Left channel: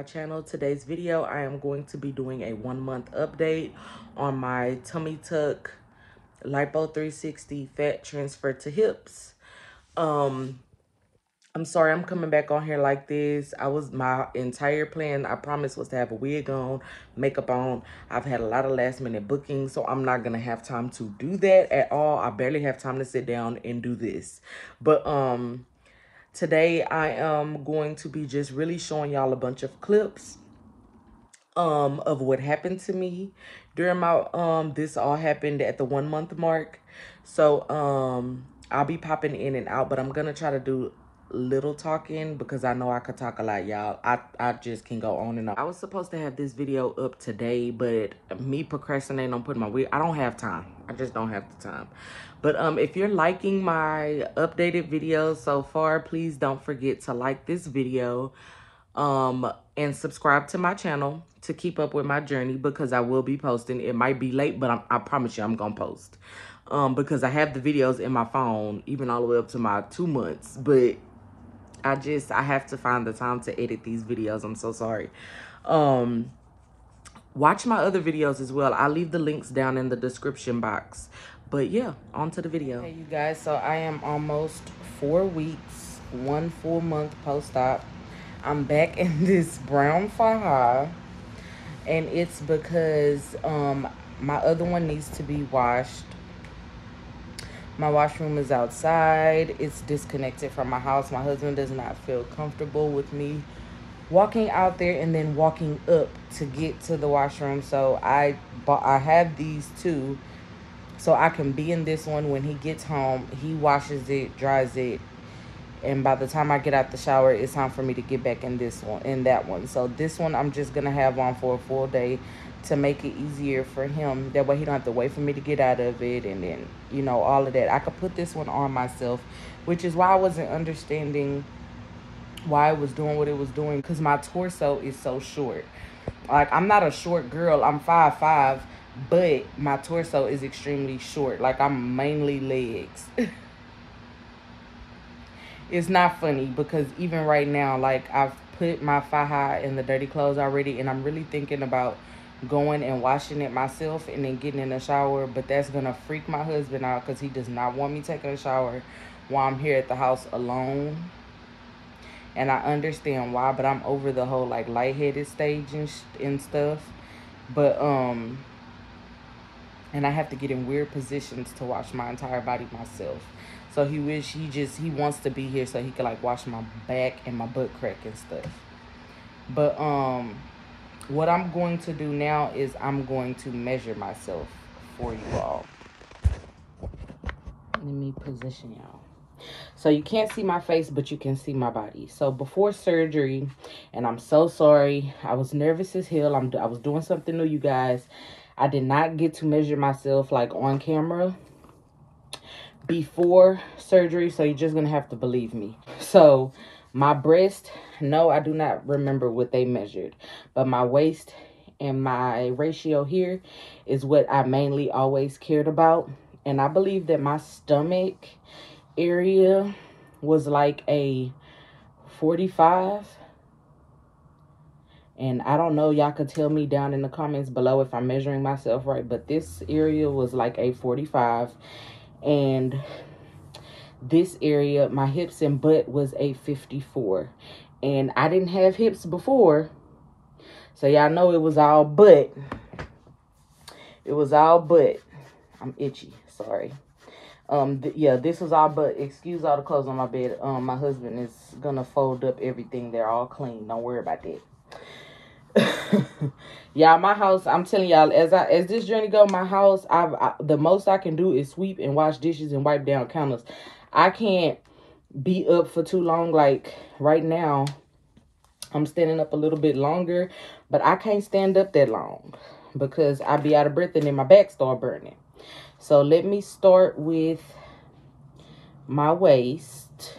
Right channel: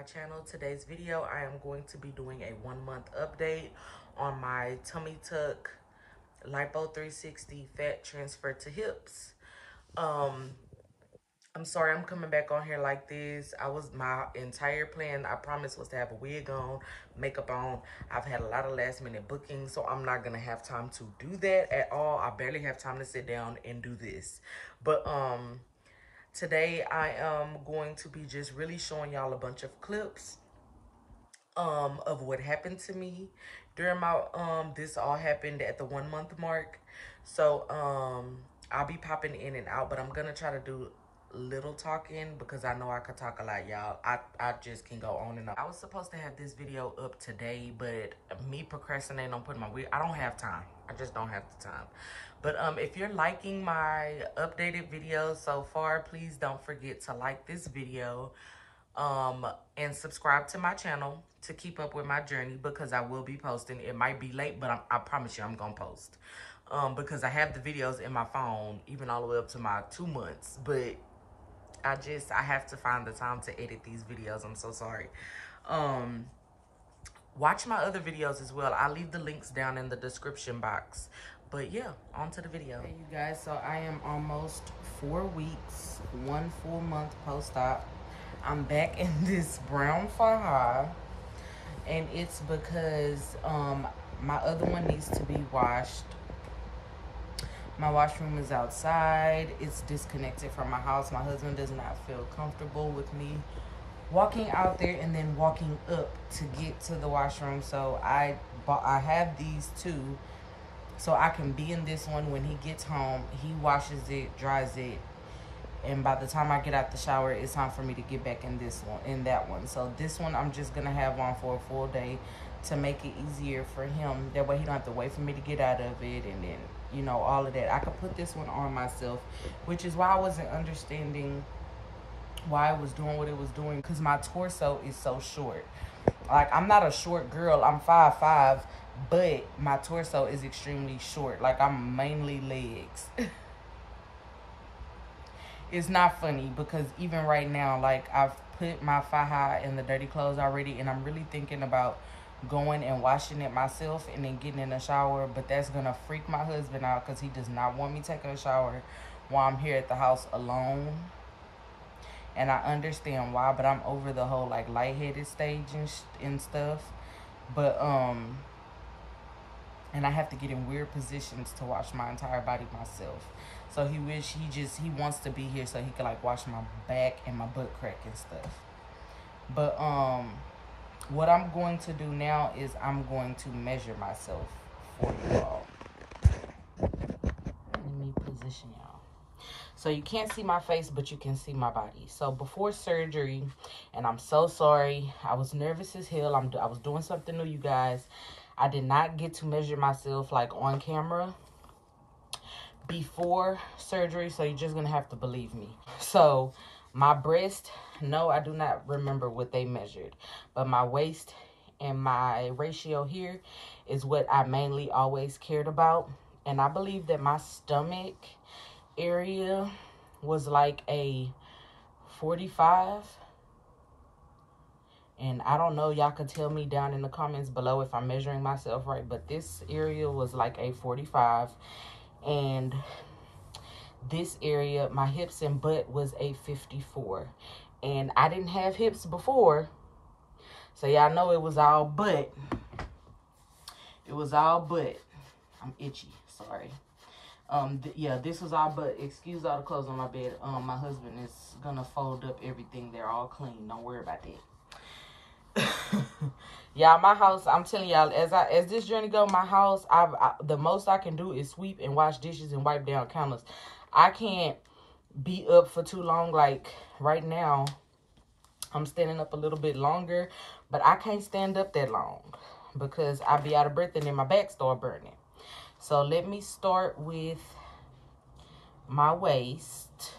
my channel. Today's video, I am going to be doing a 1-month update on my tummy tuck lipo 360 fat transfer to hips. I'm sorry I'm coming back on here like this. My entire plan, I promised, was to have a wig on, makeup on. I've had a lot of last minute bookings, so I'm not gonna have time to do that at all. I barely have time to sit down and do this. But today I am going to be just really showing y'all a bunch of clips of what happened to me during my this all happened at the 1-month mark. So I'll be popping in and out, but I'm gonna try to do little talking because I know I could talk a lot, y'all. I just can go on and on. I was supposed to have this video up today, but me procrastinating on putting my wig, I don't have time. I just don't have the time. But if you're liking my updated videos so far, please don't forget to like this video and subscribe to my channel to keep up with my journey, because I will be posting. It might be late, but I promise you I'm gonna post because I have the videos in my phone even all the way up to my 2 months, but I have to find the time to edit these videos. I'm so sorry. Watch my other videos as well. I'll leave the links down in the description box. But yeah, on to the video. Hey you guys, so I am almost 4 weeks, 1 full month post-op. I'm back in this brown Faja, and it's because my other one needs to be washed. My washroom is outside. It's disconnected from my house. My husband does not feel comfortable with me walking out there and then walking up to get to the washroom. So I have these two so I can be in this one. When he gets home, he washes it, dries it, and by the time I get out the shower, it's time for me to get back in this one, in that one. So this one I'm just gonna have on for a full day to make it easier for him. That way he don't have to wait for me to get out of it, and then, you know, all of that. I could put this one on myself, which is why I wasn't understanding why it was doing what it was doing, because my torso is so short. Like, I'm not a short girl. I'm 5'5", but my torso is extremely short. Like, I'm mainly legs. It's not funny because even right now, like, I've put my Faja in the dirty clothes already, and I'm really thinking about going and washing it myself and then getting in the shower, but that's gonna freak my husband out because he does not want me taking a shower while I'm here at the house alone. And I understand why, but I'm over the whole like lightheaded stage and stuff. But and I have to get in weird positions to wash my entire body myself. So he wants to be here so he can like wash my back and my butt crack and stuff. But what I'm going to do now is I'm going to measure myself for you all. Let me position y'all. So you can't see my face, but you can see my body. So before surgery, and I'm so sorry, I was nervous as hell. I was doing something new, you guys. I did not get to measure myself like on camera before surgery, so you're just gonna have to believe me. So my breast, no, I do not remember what they measured, but my waist and my ratio here is what I mainly always cared about. And I believe that my stomach area was like a 45. And I don't know, y'all could tell me down in the comments below if I'm measuring myself right, but this area was like a 45. And this area, my hips and butt, was a 54. And I didn't have hips before, so y'all know it was all butt. It was all butt. I'm itchy, sorry. Yeah, this was all butt. Excuse all the clothes on my bed. My husband is gonna fold up everything. They're all clean. Don't worry about that. Y'all, my house, I'm telling y'all, as this journey go, my house, the most I can do is sweep and wash dishes and wipe down counters. I can't be up for too long. Like right now, I'm standing up a little bit longer, but I can't stand up that long because I'll be out of breath and then my back start burning. So let me start with my waist.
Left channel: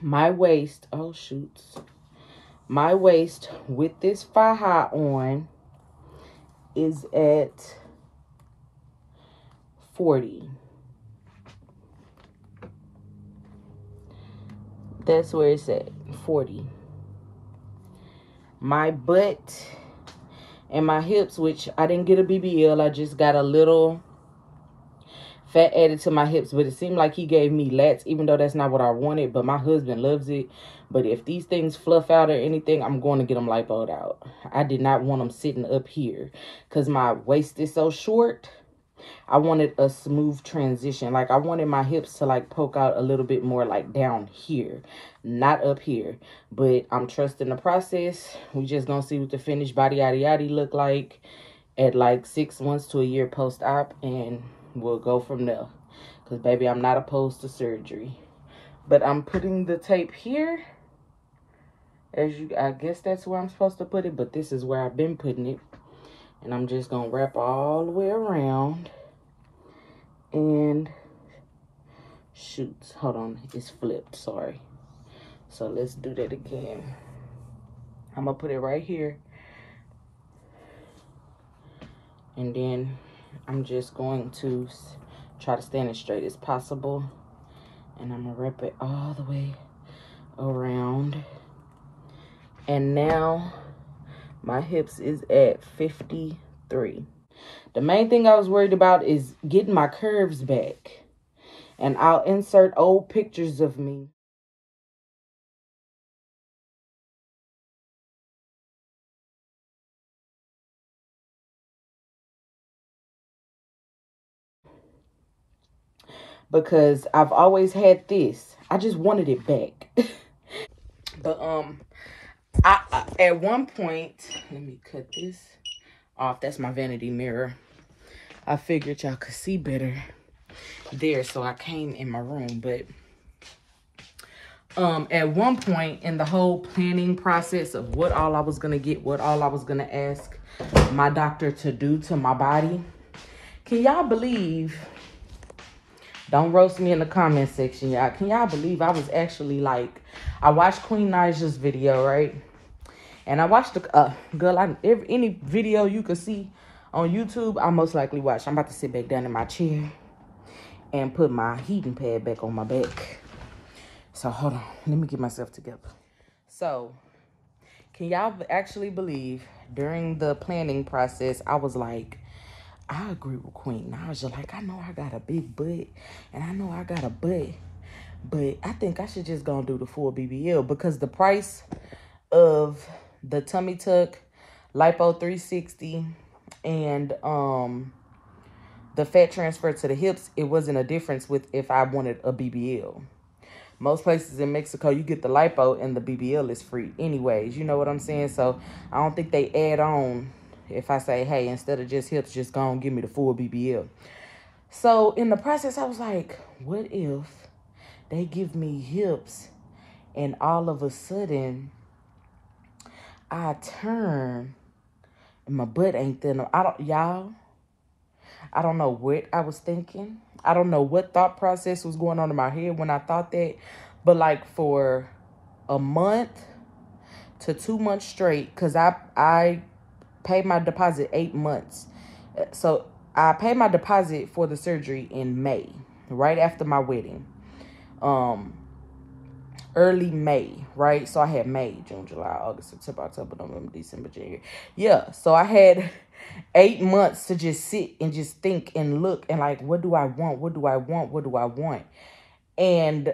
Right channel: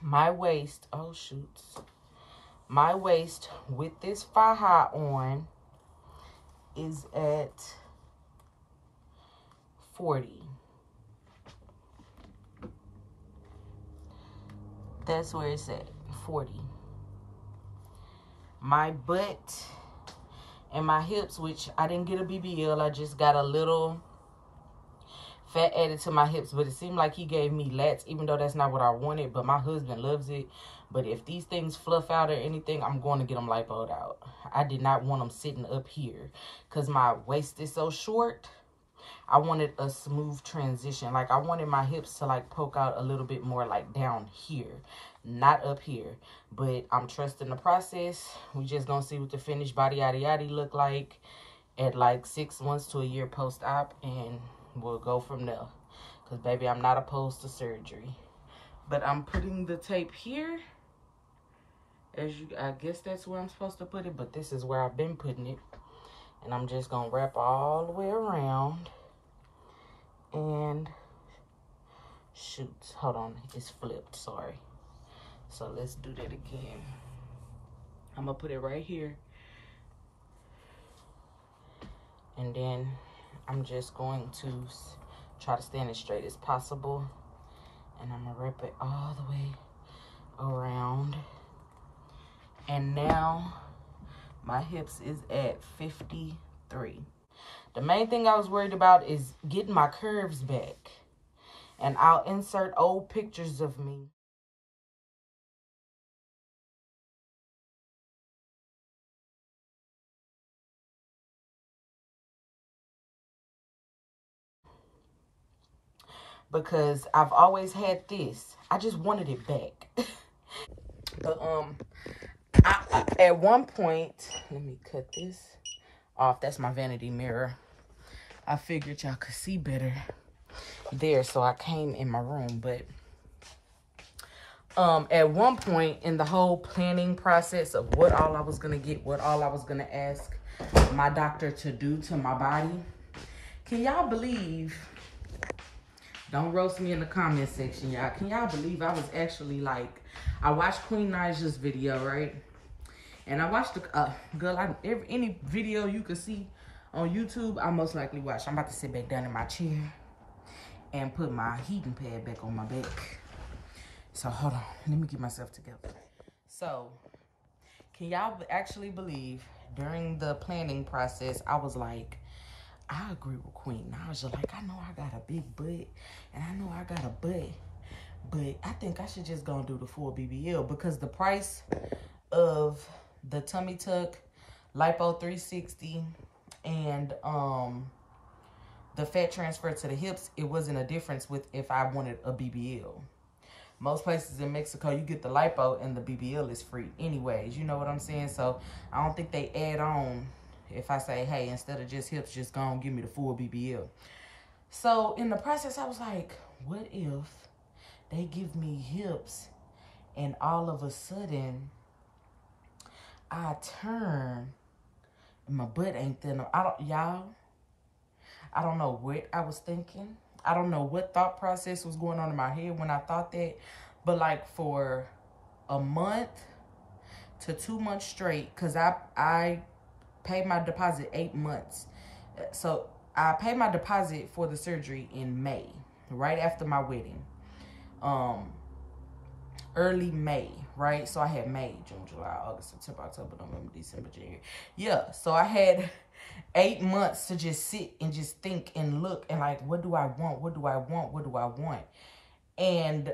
My waist, oh shoots. My waist with this Faja on is at 40. That's where it's at, 40. my butt and my hips, which I didn't get a BBL. I just got a little fat added to my hips, but it seemed like he gave me lats, even though that's not what I wanted. But my husband loves it. But if these things fluff out or anything, I'm going to get them lipoed out. I did not want them sitting up here because my waist is so short. I wanted a smooth transition. Like, I wanted my hips to, like, poke out a little bit more, like, down here, not up here. But I'm trusting the process. We just gonna see what the finished body yaddy yaddy look like at, like, 6 months to a year post-op, and we'll go from there. Because, baby, I'm not opposed to surgery. But I'm putting the tape here. I guess that's where I'm supposed to put it, but this is where I've been putting it. And I'm just gonna wrap all the way around. And shoot, hold on, it's flipped, sorry. So let's do that again. I'm gonna put it right here. And then I'm just going to try to stand as straight as possible. And I'm gonna wrap it all the way around. And now my hips is at 53. The main thing I was worried about is getting my curves back. And I'll insert old pictures of me. Because I've always had this. I just wanted it back. But I at one point, let me cut this off. That's my vanity mirror. I figured y'all could see better there, so I came in my room. But at one point in the whole planning process of what all I was gonna get, what all I was gonna ask my doctor to do to my body, can y'all believe? Don't roast me in the comment section, y'all. Can y'all believe I was actually like, I watched Queen Naja's video, right? And I watched the girl. Any video you could see on YouTube, I most likely watch. I'm about to sit back down in my chair and put my heating pad back on my back. So hold on, let me get myself together. So, can y'all actually believe during the planning process, I was like, I agree with Queen Naja. Like, I know I got a big butt, and I know I got a butt, but I think I should just go and do the full BBL because the price of the tummy tuck, lipo 360, and the fat transfer to the hips, it wasn't a difference with if I wanted a BBL. Most places in Mexico, you get the lipo and the BBL is free anyways. You know what I'm saying? So I don't think they add on if I say, hey, instead of just hips, just go and give me the full BBL. So in the process, I was like, what if they give me hips and all of a sudden I turn and my butt ain't thin? Y'all, I don't know what I was thinking. I don't know what thought process was going on in my head when I thought that. But like for a month to 2 months straight, because I paid my deposit 8 months. So I paid my deposit for the surgery in May, right after my wedding. Early May, right? So I had May, June, July, August, September, October, November, December, January. Yeah, so I had 8 months to just sit and just think and look and like, what do I want? What do I want? What do I want? And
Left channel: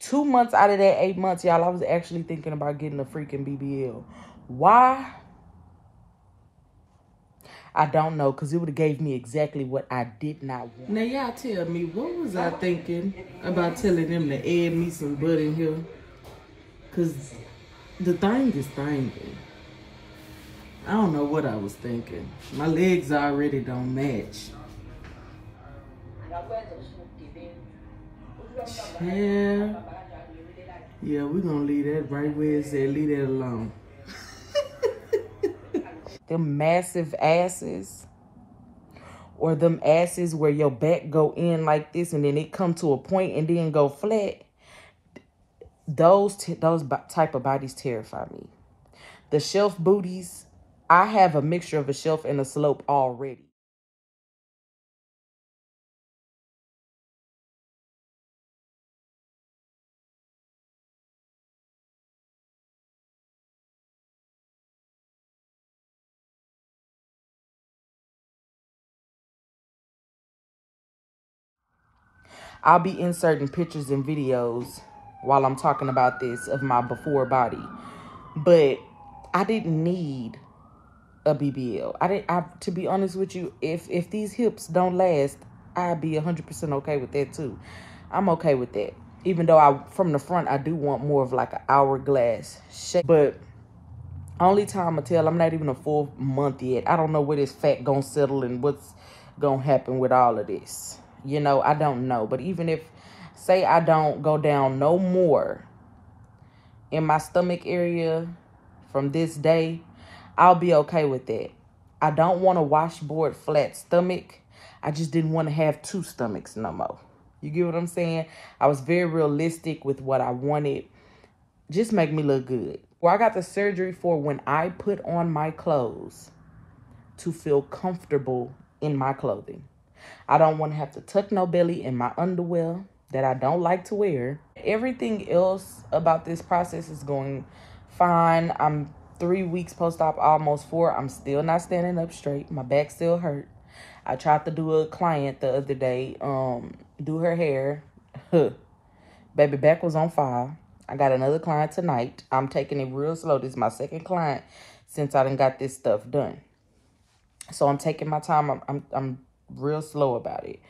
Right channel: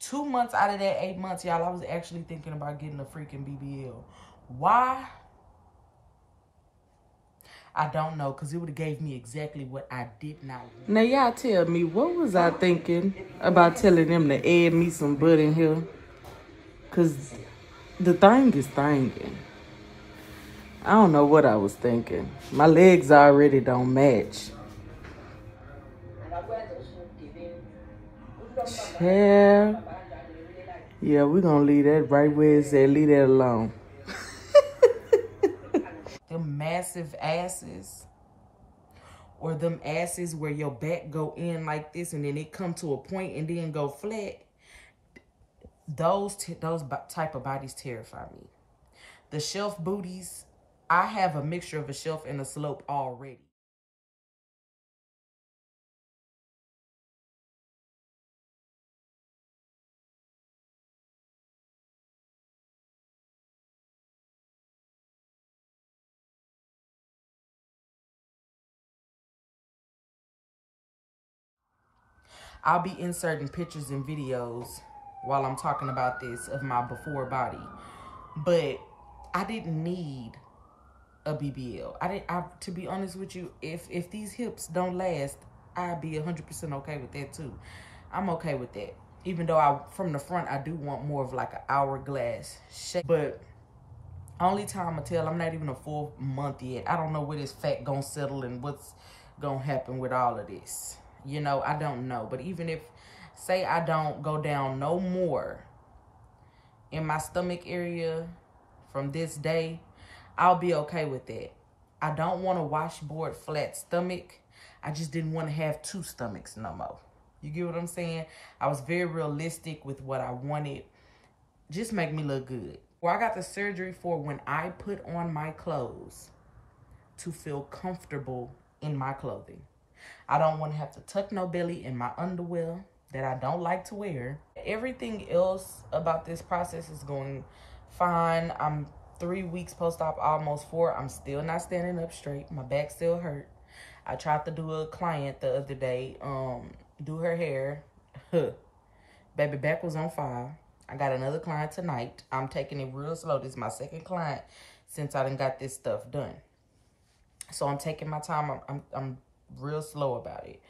2 months out of that 8 months, y'all, I was actually thinking about getting a freaking BBL. Why? I don't know, because it would have gave me exactly what I did not want. Now, y'all tell me, what was I thinking about telling them to add me some butt in here? Because the thing is thinging. I don't know what I was thinking. My legs already don't match. Yeah. Yeah, we're going to leave that right where it's at. Leave that alone. Them massive asses, or them asses where your back go in like this and then it come to a point and then go flat. Those type of bodies terrify me. The shelf booties, I have a mixture of a shelf and a slope already. I'll be inserting pictures and videos while I'm talking about this of my before body. But I didn't need a BBL. To be honest with you, if these hips don't last, I'd be 100% okay with that too. I'm okay with that. Even though from the front, I do want more of like an hourglass shape. But only time will tell. I'm not even a full month yet. I don't know where this fat gonna settle and what's gonna happen with all of this. You know, I don't know. But even if, say I don't go down no more in my stomach area from this day, I'll be okay with that. I don't want a washboard flat stomach. I just didn't want to have two stomachs no more. You get what I'm saying? I was very realistic with what I wanted. Just make me look good. Well, I got the surgery for when I put on my clothes to feel comfortable in my clothing. I don't want to have to tuck no belly in my underwear that I don't like to wear. Everything else about this process is going fine. I'm 3 weeks post-op, almost 4. I'm still not standing up straight. My back still hurt. I tried to do a client the other day, do her hair. Baby, back was on fire. I got another client tonight. I'm taking it real slow. This is my second client since I done got this stuff done. So I'm taking my time. I'm real slow about it.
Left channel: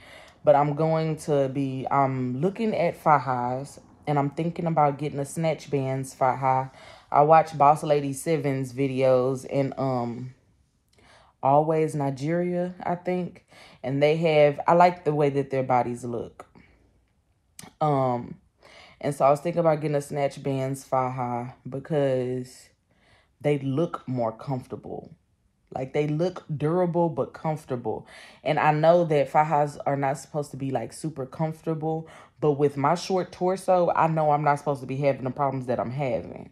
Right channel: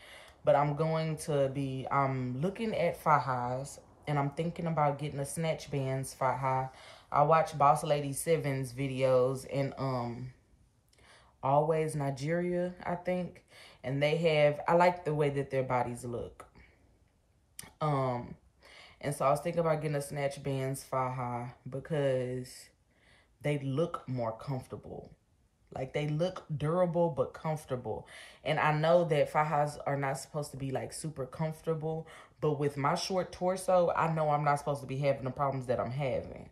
But I'm looking at Fajas, and I'm thinking about getting a Snatch bands Faja. I watch Boss Lady 7's videos in Always Nigeria, I think. And I like the way that their bodies look. And so I was thinking about getting a Snatch bands Faja because they look more comfortable. Like, they look durable but comfortable. And I know that Fajas are not supposed to be like super comfortable, but with my short torso, I know I'm not supposed to be having the problems that I'm having.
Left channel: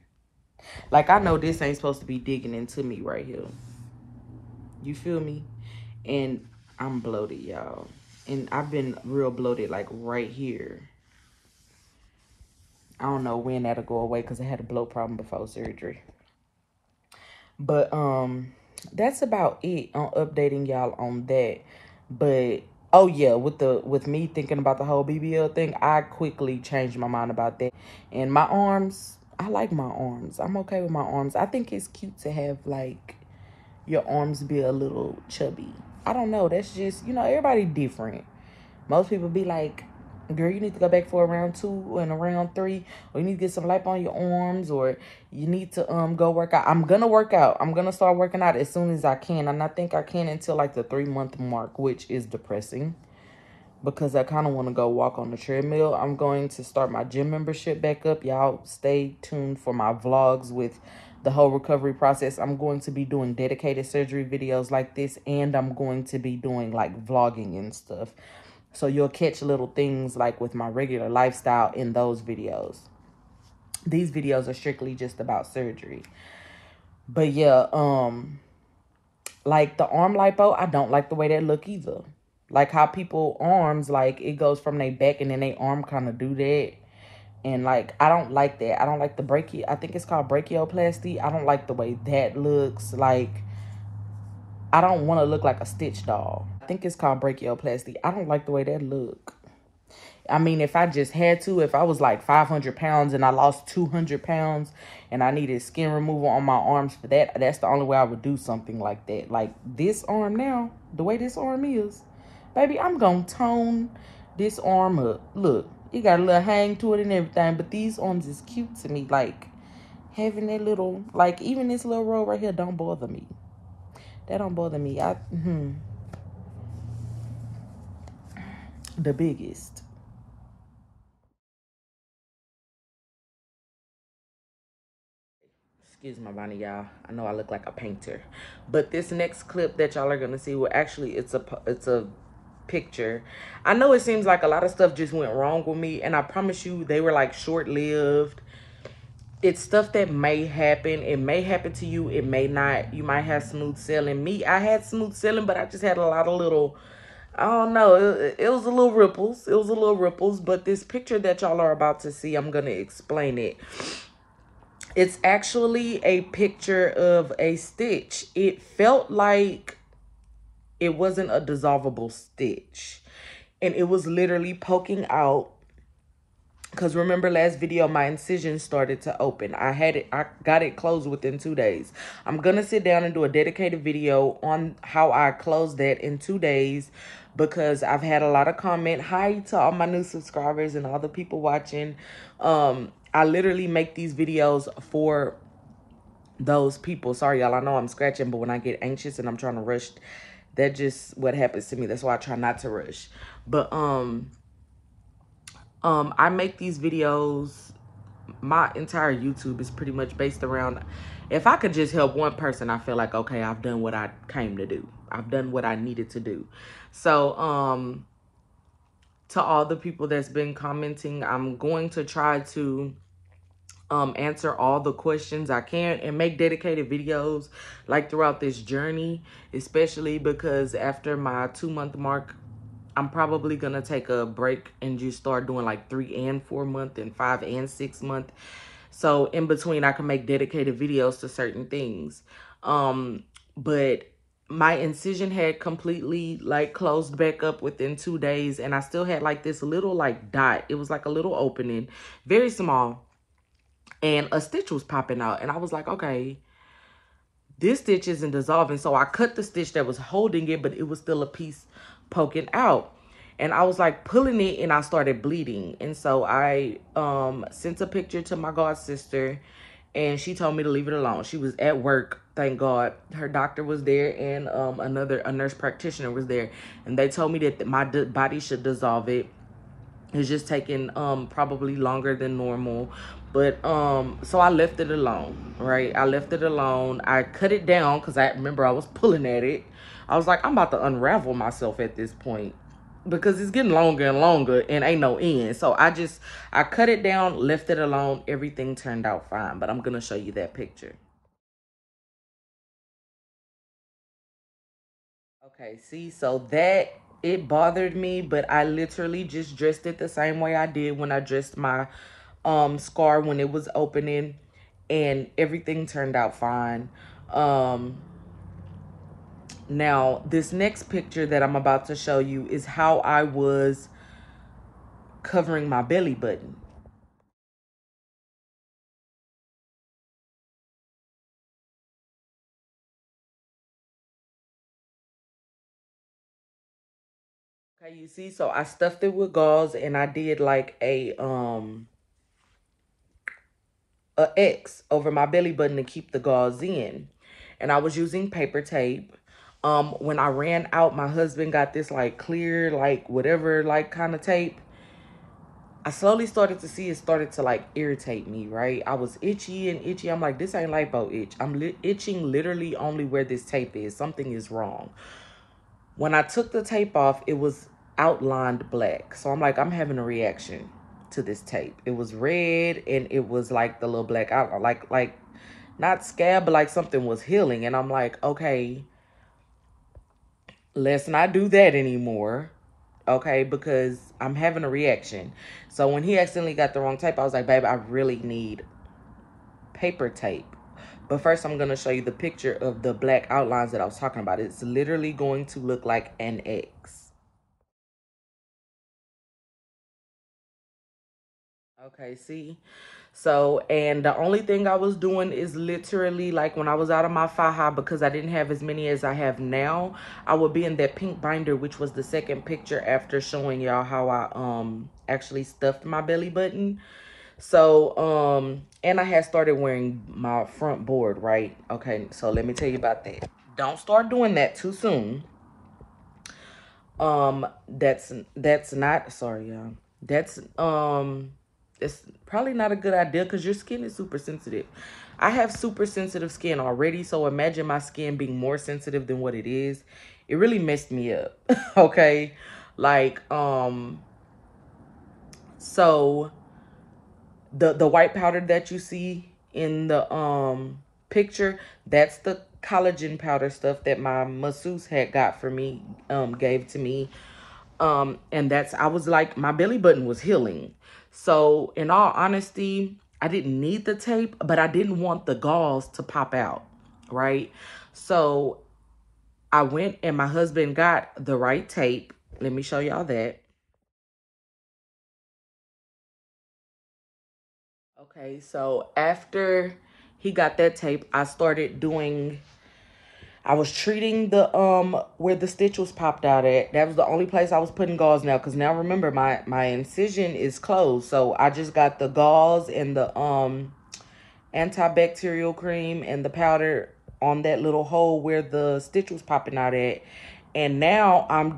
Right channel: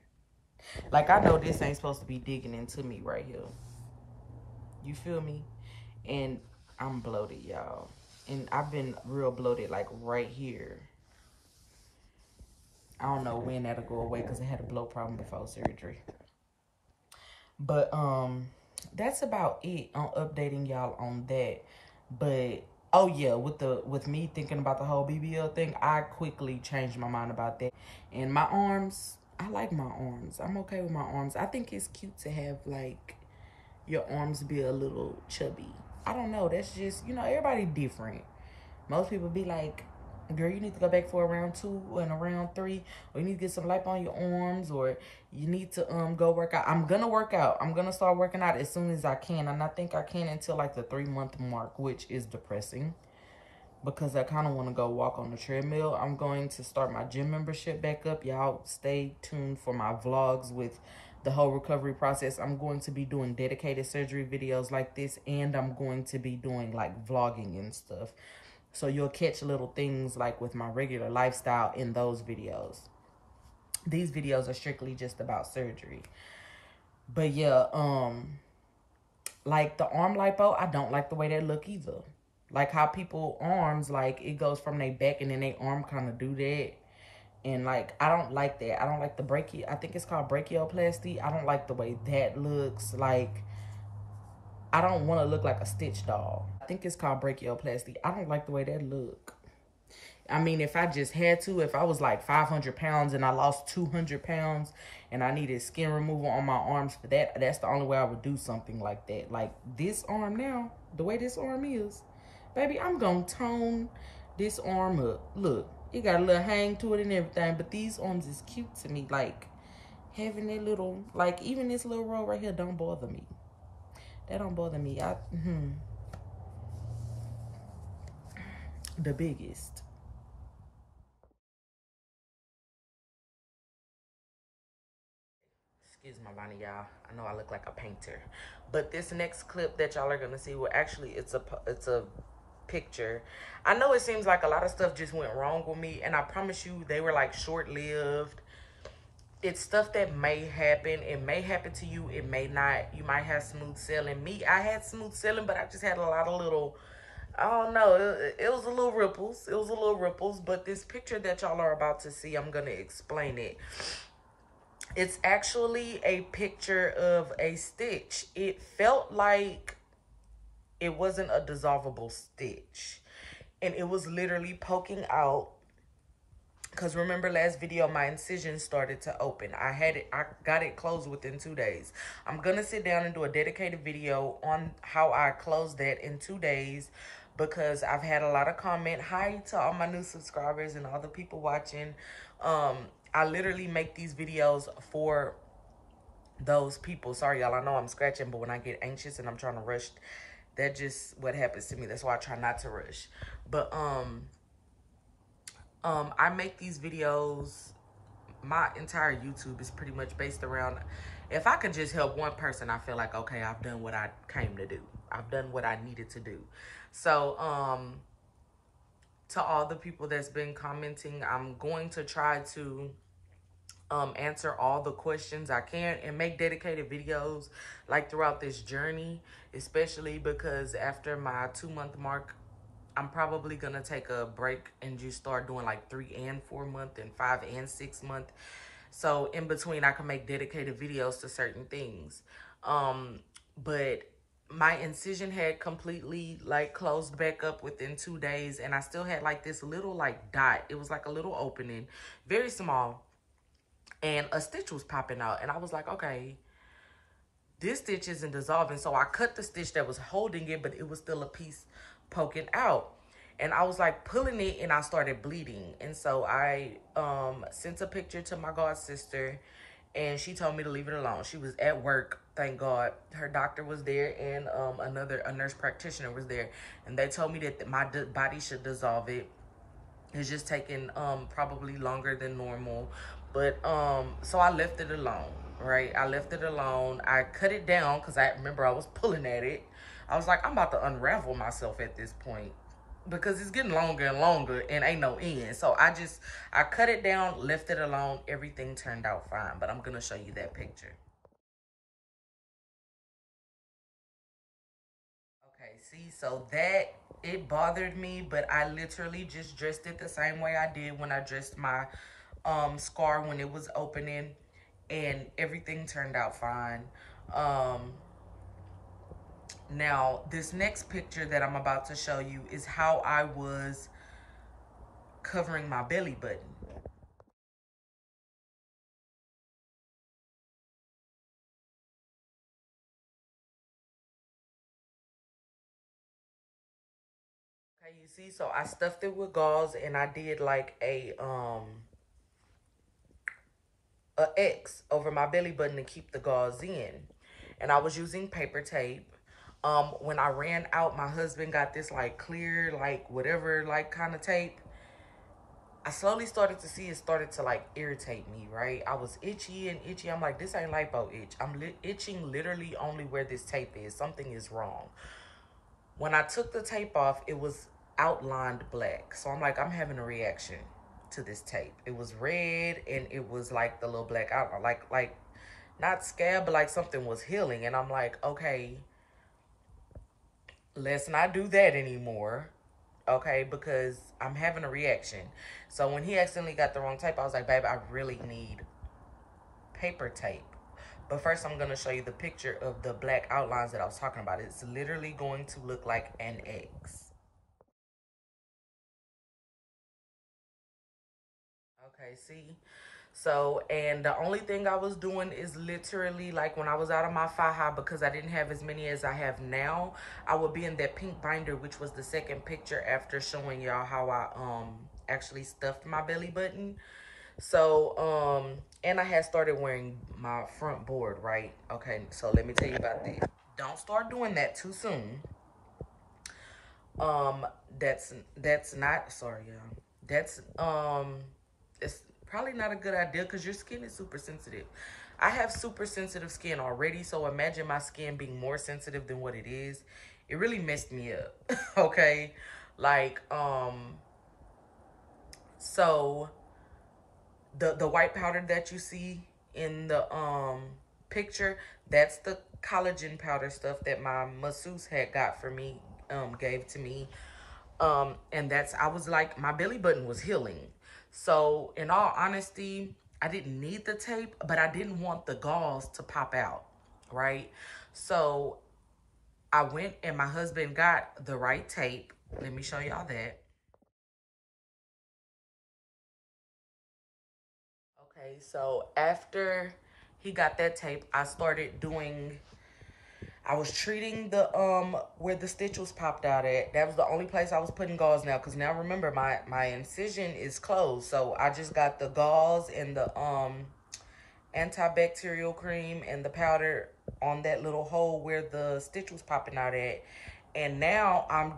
Like, I know this ain't supposed to be digging into me right here. You feel me? And I'm bloated, y'all. And I've been real bloated, like right here. I don't know when that'll go away because I had a bloat problem before surgery. But that's about it on updating y'all on that. But oh yeah, with me thinking about the whole BBL thing, I quickly changed my mind about that. And my arms, I like my arms. I'm okay with my arms. I think it's cute to have like your arms be a little chubby. I don't know. That's just, you know, everybody different. Most people be like, girl, you need to go back for a round 2 and a round 3, or you need to get some lipo on your arms, or you need to go work out. I'm gonna work out. I'm gonna start working out as soon as I can, and I think I can until like the 3-month mark, which is depressing because I kind of want to go walk on the treadmill. I'm going to start my gym membership back up. Y'all stay tuned for my vlogs with the whole recovery process. I'm going to be doing dedicated surgery videos like this, and I'm going to be doing like vlogging and stuff. So you'll catch little things like with my regular lifestyle in those videos. These videos are strictly just about surgery. But yeah, like the arm lipo, I don't like the way that look either. Like how people arms, like it goes from their back and then they arm kind of do that. And like, I don't like that. I don't like the I think it's called brachioplasty. I don't like the way that looks. Like, I don't want to look like a Stitch doll. I think it's called brachioplasty. I don't like the way that look. I mean, if I just had to, if I was like 500 pounds and I lost 200 pounds and I needed skin removal on my arms for that, that's the only way I would do something like that. Like this arm now, the way this arm is, baby, I'm going to tone this arm up. Look, it got a little hang to it and everything, but these arms is cute to me. Like having that little, like even this little roll right here don't bother me. That don't bother me. The biggest. Excuse my body, y'all. I know I look like a painter. But this next clip that y'all are going to see, well, actually, it's a picture. I know it seems like a lot of stuff just went wrong with me, and I promise you they were like short-lived. It's stuff that may happen. It may happen to you. It may not. You might have smooth sailing. Me, I had smooth sailing, but I just had a lot of little, I don't know. It was a little ripples. It was a little ripples. But this picture that y'all are about to see, I'm going to explain it. It's actually a picture of a stitch. It felt like it wasn't a dissolvable stitch. and it was literally poking out. Because remember last video, my incision started to open. I got it closed within 2 days. I'm going to sit down and do a dedicated video on how I closed that in 2 days, because I've had a lot of comment. Hi to all my new subscribers and all the people watching. I literally make these videos for those people. Sorry, y'all, I know I'm scratching, but when I get anxious and I'm trying to rush, that's just what happens to me. That's why I try not to rush. But, I make these videos. My entire YouTube is pretty much based around, if I could just help one person, I feel like, okay, I've done what I came to do. I've done what I needed to do. So, to all the people that's been commenting, I'm going to try to answer all the questions I can and make dedicated videos like throughout this journey, especially because after my 2-month mark, I'm probably going to take a break and just start doing like 3 and 4 month and 5 and 6 month. So in between, I can make dedicated videos to certain things. But my incision had completely like closed back up within 2 days. And I still had like this little like dot. It was like a little opening, very small. And a stitch was popping out. And I was like, okay, this stitch isn't dissolving. So I cut the stitch that was holding it, but it was still a piece poking out. And I was like pulling it and I started bleeding. And so I sent a picture to my god sister and she told me to leave it alone. She was at work, thank God. Her doctor was there and a nurse practitioner was there. And they told me that my body should dissolve it. It's just taking probably longer than normal. But so I left it alone, right? I left it alone. I cut it down because I remember I was pulling at it. I was like, I'm about to unravel myself at this point because it's getting longer and longer and ain't no end. So I cut it down, left it alone. Everything turned out fine, but I'm going to show you that picture. Okay, see, so that, it bothered me, but I literally just dressed it the same way I did when I dressed my scar when it was opening, and everything turned out fine. Now, this next picture that I'm about to show you is how I was covering my belly button. Okay, you see, so I stuffed it with gauze and I did like a X over my belly button to keep the gauze in. And I was using paper tape. When I ran out, my husband got this like clear, like whatever, like kind of tape. I slowly started to see it started to like irritate me, right? I was itchy and itchy. I'm like, this ain't lipo itch. I'm itching literally only where this tape is. Something is wrong. When I took the tape off, it was outlined black. So I'm like, I'm having a reaction to this tape. It was red and it was like the little black outline, like not scab, but like something was healing. And I'm like, okay, let's not do that anymore. Okay, because I'm having a reaction. So when he accidentally got the wrong tape, I was like, babe, I really need paper tape. But first, I'm going to show you the picture of the black outlines that I was talking about. It's literally going to look like an X. Okay, see? So, and the only thing I was doing is literally like when I was out of my Faja, because I didn't have as many as I have now, I would be in that pink binder, which was the second picture after showing y'all how I actually stuffed my belly button. So, and I had started wearing my front board, right? Okay, so let me tell you about that. Don't start doing that too soon. That's not, sorry, y'all. That's, it's probably not a good idea because your skin is super sensitive. I have super sensitive skin already, so imagine my skin being more sensitive than what it is. It really messed me up, okay? Like, so the white powder that you see in the picture, that's the collagen powder stuff that my masseuse had got for me, gave to me. And that's, I was like, my belly button was healing. So in all honesty, I didn't need the tape, but I didn't want the gauze to pop out, right? So I went and my husband got the right tape. Let me show y'all that. Okay, so after he got that tape, I started doing, I was treating the where the stitch was popped out at. That was the only place I was putting gauze now, because now remember my incision is closed. So I just got the gauze and the antibacterial cream and the powder on that little hole where the stitch was popping out at. And now I'm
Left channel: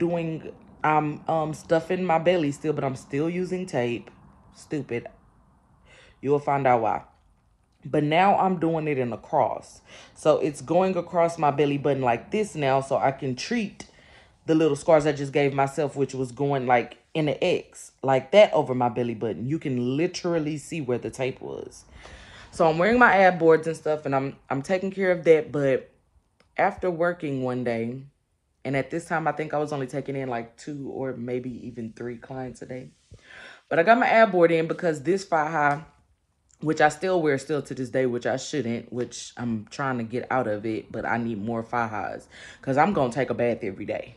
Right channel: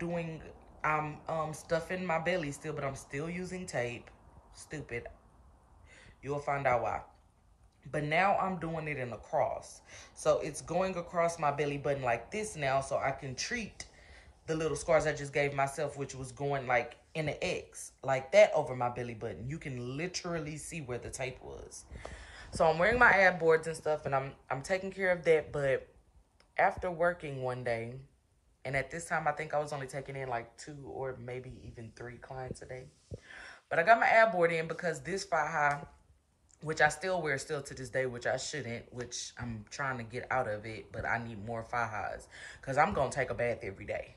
stuffing my belly still, but I'm still using tape. Stupid. You'll find out why. But now I'm doing it in a cross. So it's going across my belly button like this now, so I can treat the little scars I just gave myself, which was going like in an X, like that over my belly button. You can literally see where the tape was. So I'm wearing my ab boards and stuff, and I'm taking care of that. But after working one day, and at this time I think I was only taking in like 2 or maybe even 3 clients a day. But I got my ab board in because this Faja, which I still wear still to this day, which I shouldn't, which I'm trying to get out of it, but I need more Fajas because I'm going to take a bath every day.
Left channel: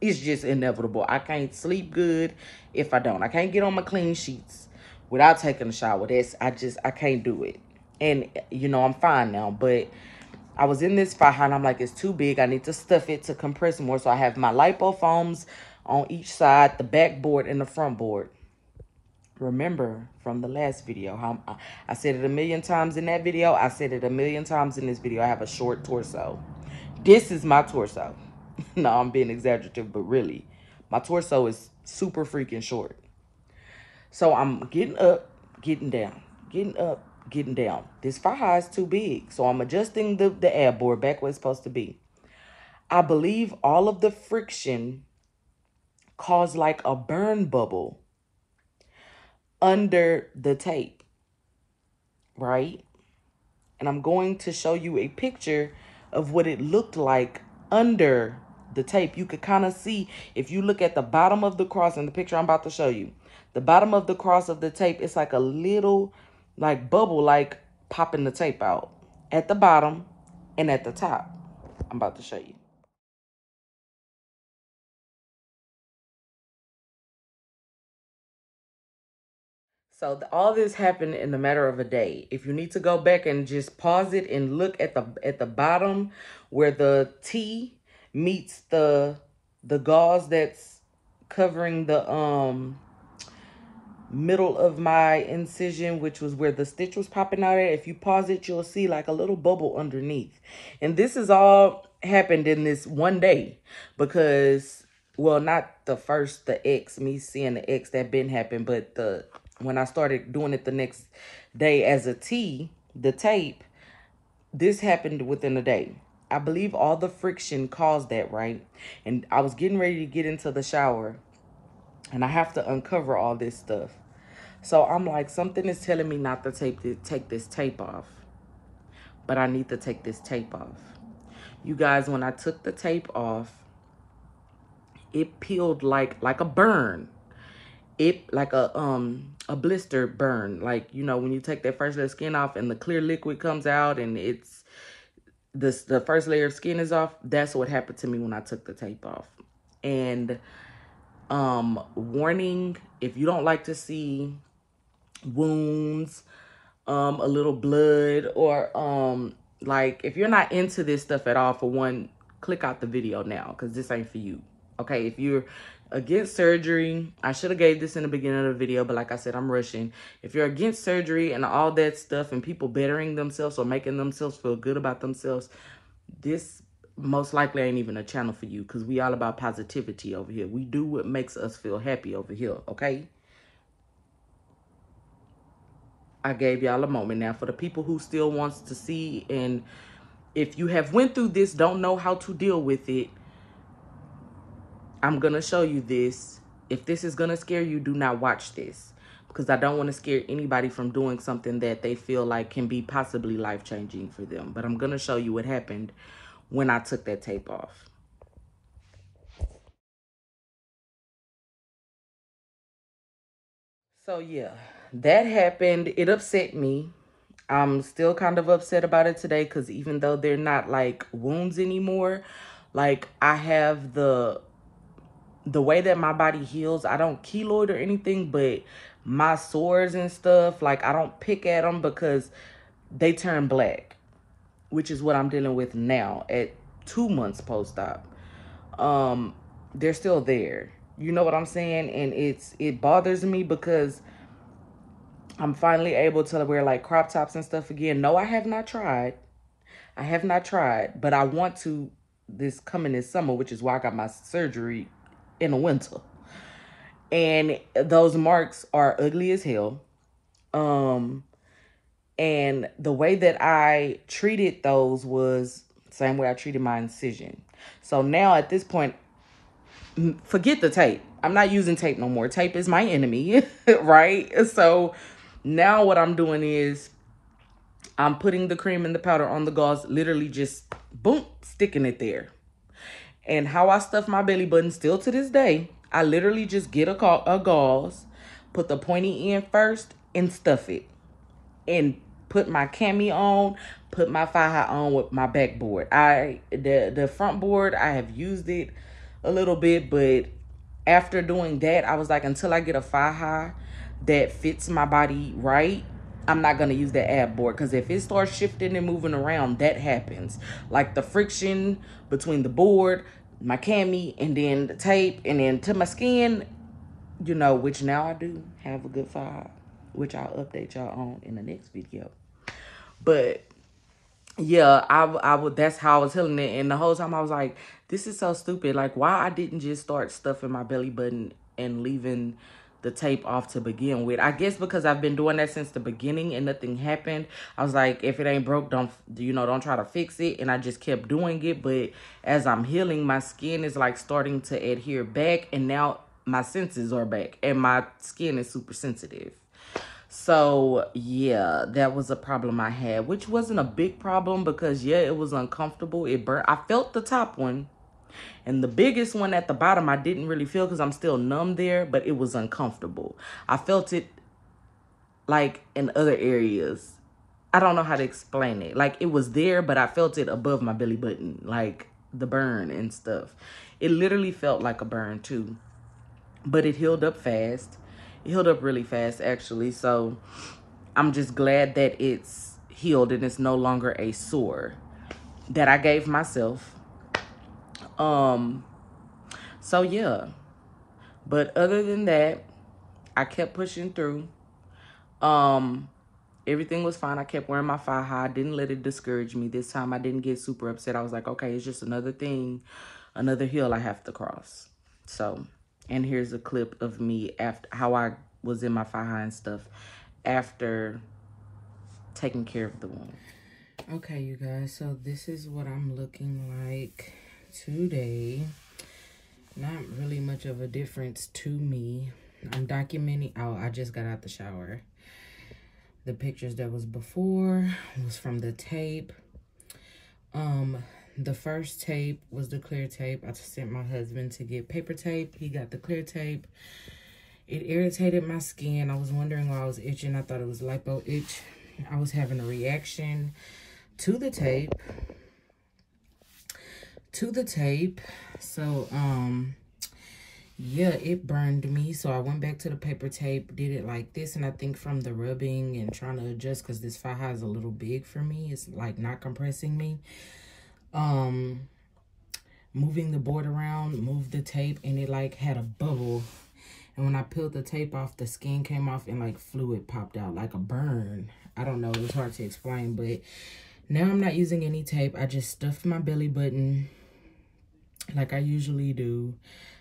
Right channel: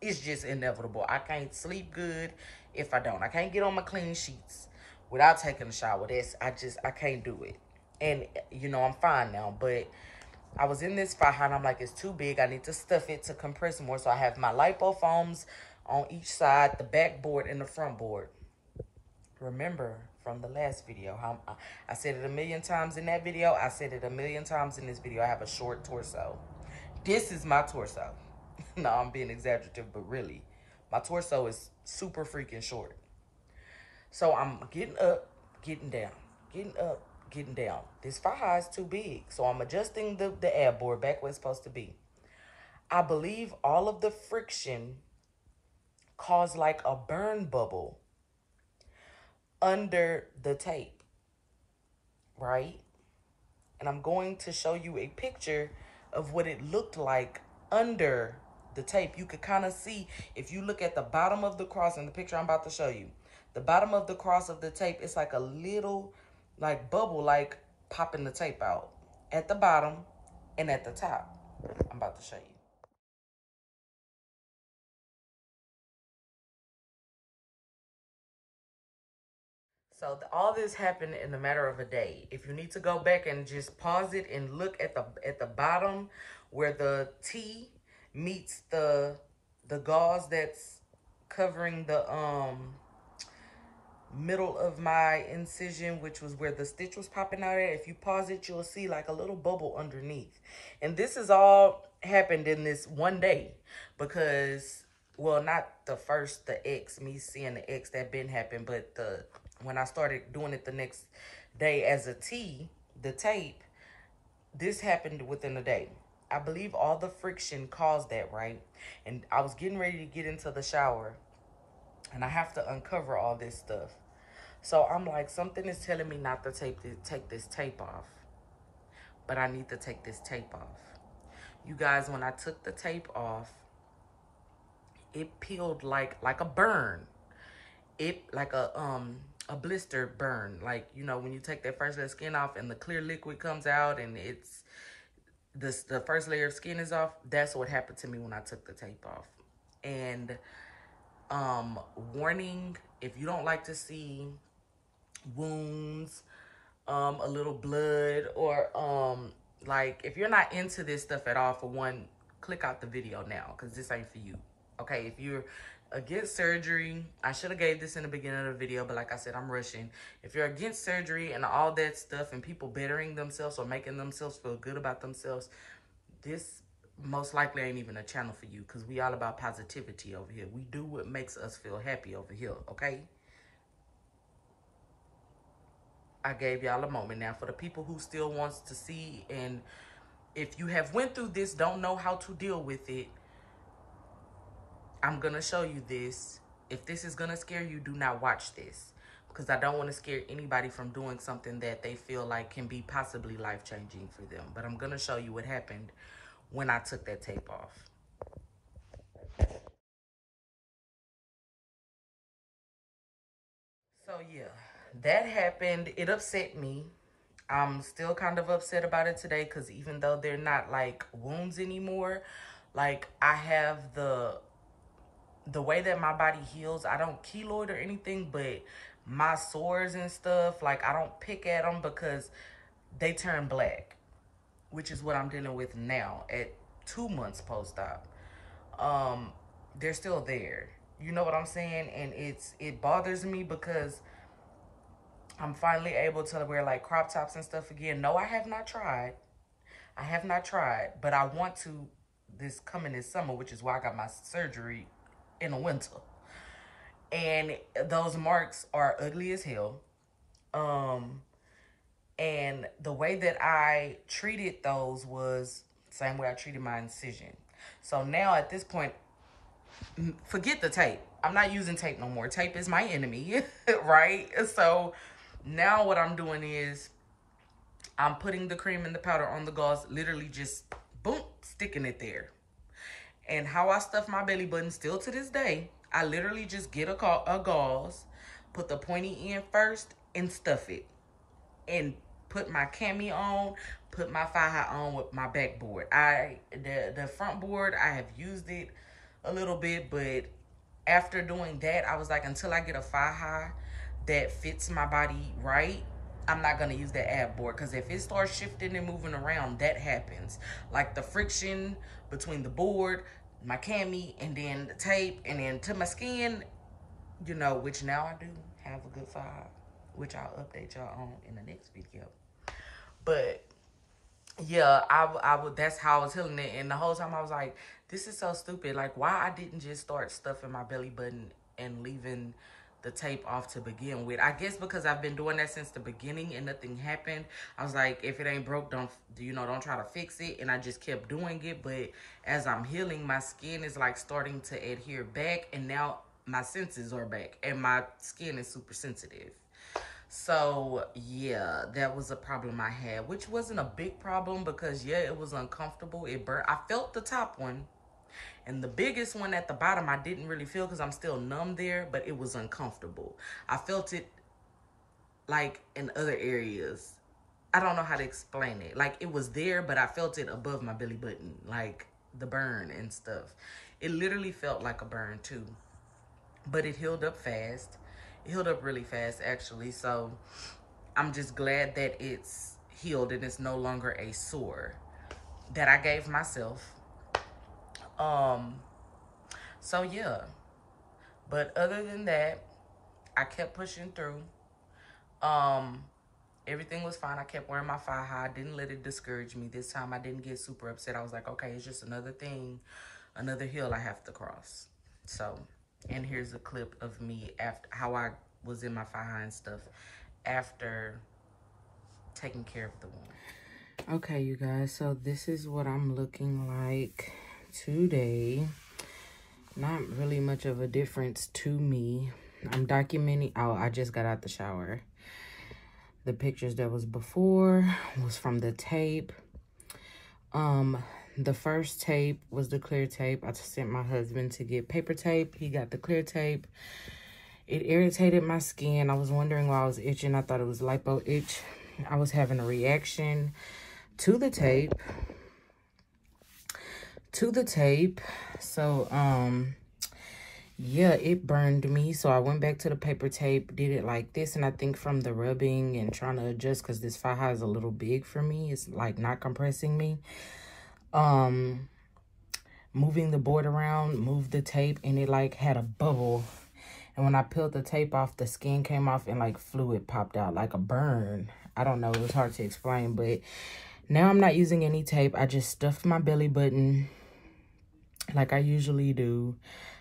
It's just inevitable. I can't sleep good if I don't. I can't get on my clean sheets without taking a shower. I can't do it. And, you know, I'm fine now, but I was in this Faja and I'm like, it's too big. I need to stuff it to compress more. So I have my lipofoams on each side, the back board and the front board. Remember from the last video how I said it a million times in that video. I said it a million times in this video. I have a short torso. This is my torso. No, I'm being exaggerative, but really, my torso is super freaking short. So I'm getting up, getting down, getting up, getting down. This Faja is too big. So I'm adjusting the ab board back where it's supposed to be. I believe all of the friction caused like a burn bubble under the tape, right? And I'm going to show you a picture of what it looked like under the tape. You could kind of see, if you look at the bottom of the cross in the picture I'm about to show you, the bottom of the cross of the tape, it's like a little like bubble, like popping the tape out at the bottom and at the top. I'm about to show you. So all this happened in a matter of a day. If you need to go back and just pause it and look at the bottom where the T meets the gauze that's covering the middle of my incision, which was where the stitch was popping out at. If you pause it, you'll see like a little bubble underneath. And this is all happened in this one day because, well, not the X, me seeing the X, that been happened, but when I started doing it the next day as a T, the tape, this happened within a day. I believe all the friction caused that, right? And I was getting ready to get into the shower and I have to uncover all this stuff. So I'm like, something is telling me not to take this tape off. But I need to take this tape off. You guys, when I took the tape off, it peeled like a burn. It like a blister burn. Like, you know, when you take that first layer of skin off and the clear liquid comes out and it's the first layer of skin is off. That's what happened to me when I took the tape off. And warning, if you don't like to see wounds, a little blood, or like if you're not into this stuff at all, for one, click out the video now because this ain't for you. Okay, if you're against surgery, I should have gave this in the beginning of the video, but like I said, I'm rushing. If you're against surgery and all that stuff and people bettering themselves or making themselves feel good about themselves, this most likely ain't even a channel for you because we all about positivity over here. We do what makes us feel happy over here, okay? I gave y'all a moment. Now, for the people who still wants to see, and if you have went through this, don't know how to deal with it, I'm going to show you this. If this is going to scare you, do not watch this because I don't want to scare anybody from doing something that they feel like can be possibly life-changing for them. But I'm going to show you what happened when I took that tape off. So, yeah, that happened. It upset me. I'm still kind of upset about it today because even though they're not like wounds anymore, like I have the the way that my body heals, I don't keloid or anything, but my sores and stuff, like, I don't pick at them because they turn black, which is what I'm dealing with now at 2 months post-op. They're still there. You know what I'm saying? And it bothers me because I'm finally able to wear like crop tops and stuff again. No, I have not tried. I have not tried, but I want to this summer, which is why I got my surgery in the winter. And those marks are ugly as hell. And the way that I treated those was the same way I treated my incision. So now at this point, forget the tape. I'm not using tape no more. Tape is my enemy, right? So now what I'm doing is I'm putting the cream and the powder on the gauze, literally just boom, sticking it there. And how I stuff my belly button still to this day, I literally just get a gauze, put the pointy end first and stuff it. And put my cami on, put my Faja on with my backboard. The front board, I have used it a little bit, but after doing that, I was like, until I get a Faja that fits my body right, I'm not going to use the ab board, because if it starts shifting and moving around, that happens. Like the friction between the board, my cami, and then the tape, and then to my skin, you know, which now I do have a good Faja, which I'll update y'all on in the next video. But yeah, I would, that's how I was healing it. And the whole time I was like, this is so stupid. Like, why I didn't just start stuffing my belly button and leaving the tape off to begin with. I guess because I've been doing that since the beginning and nothing happened. I was like, if it ain't broke, don't try to fix it. And I just kept doing it. But as I'm healing, my skin is like starting to adhere back. And now my senses are back. And my skin is super sensitive. So yeah, that was a problem I had, which wasn't a big problem because yeah, it was uncomfortable. It burnt. I felt the top one, and the biggest one at the bottom I didn't really feel because I'm still numb there, but it was uncomfortable. I felt it like in other areas. I don't know how to explain it. Like it was there, but I felt it above my belly button, like the burn and stuff. It literally felt like a burn too, but it healed up fast. It healed up really fast, actually. So I'm just glad that it's healed and it's no longer a sore that I gave myself. So yeah. But other than that, I kept pushing through. Everything was fine. I kept wearing my Faja. I didn't let it discourage me. This time I didn't get super upset. I was like, okay, it's just another thing, another hill I have to cross. So, and here's a clip of me after how I was in my Faja and stuff after taking care of the wound. Okay, you guys, so this is what I'm looking like today. Not really much of a difference to me. I'm documenting. Oh, I just got out the shower. The pictures that was before was from the tape. The first tape was the clear tape. I sent my husband to get paper tape. He got the clear tape. It irritated my skin. I was wondering why I was itching. I thought it was lipo itch. I was having a reaction to the tape. So, yeah, it burned me. So I went back to the paper tape, did it like this. And I think from the rubbing and trying to adjust, because this Faja is a little big for me. It's like not compressing me. Moving the board around, moved the tape, and it like had a bubble. And when I peeled the tape off, the skin came off and like fluid popped out like a burn. I don't know, it was hard to explain, but now I'm not using any tape. I just stuffed my belly button like I usually do.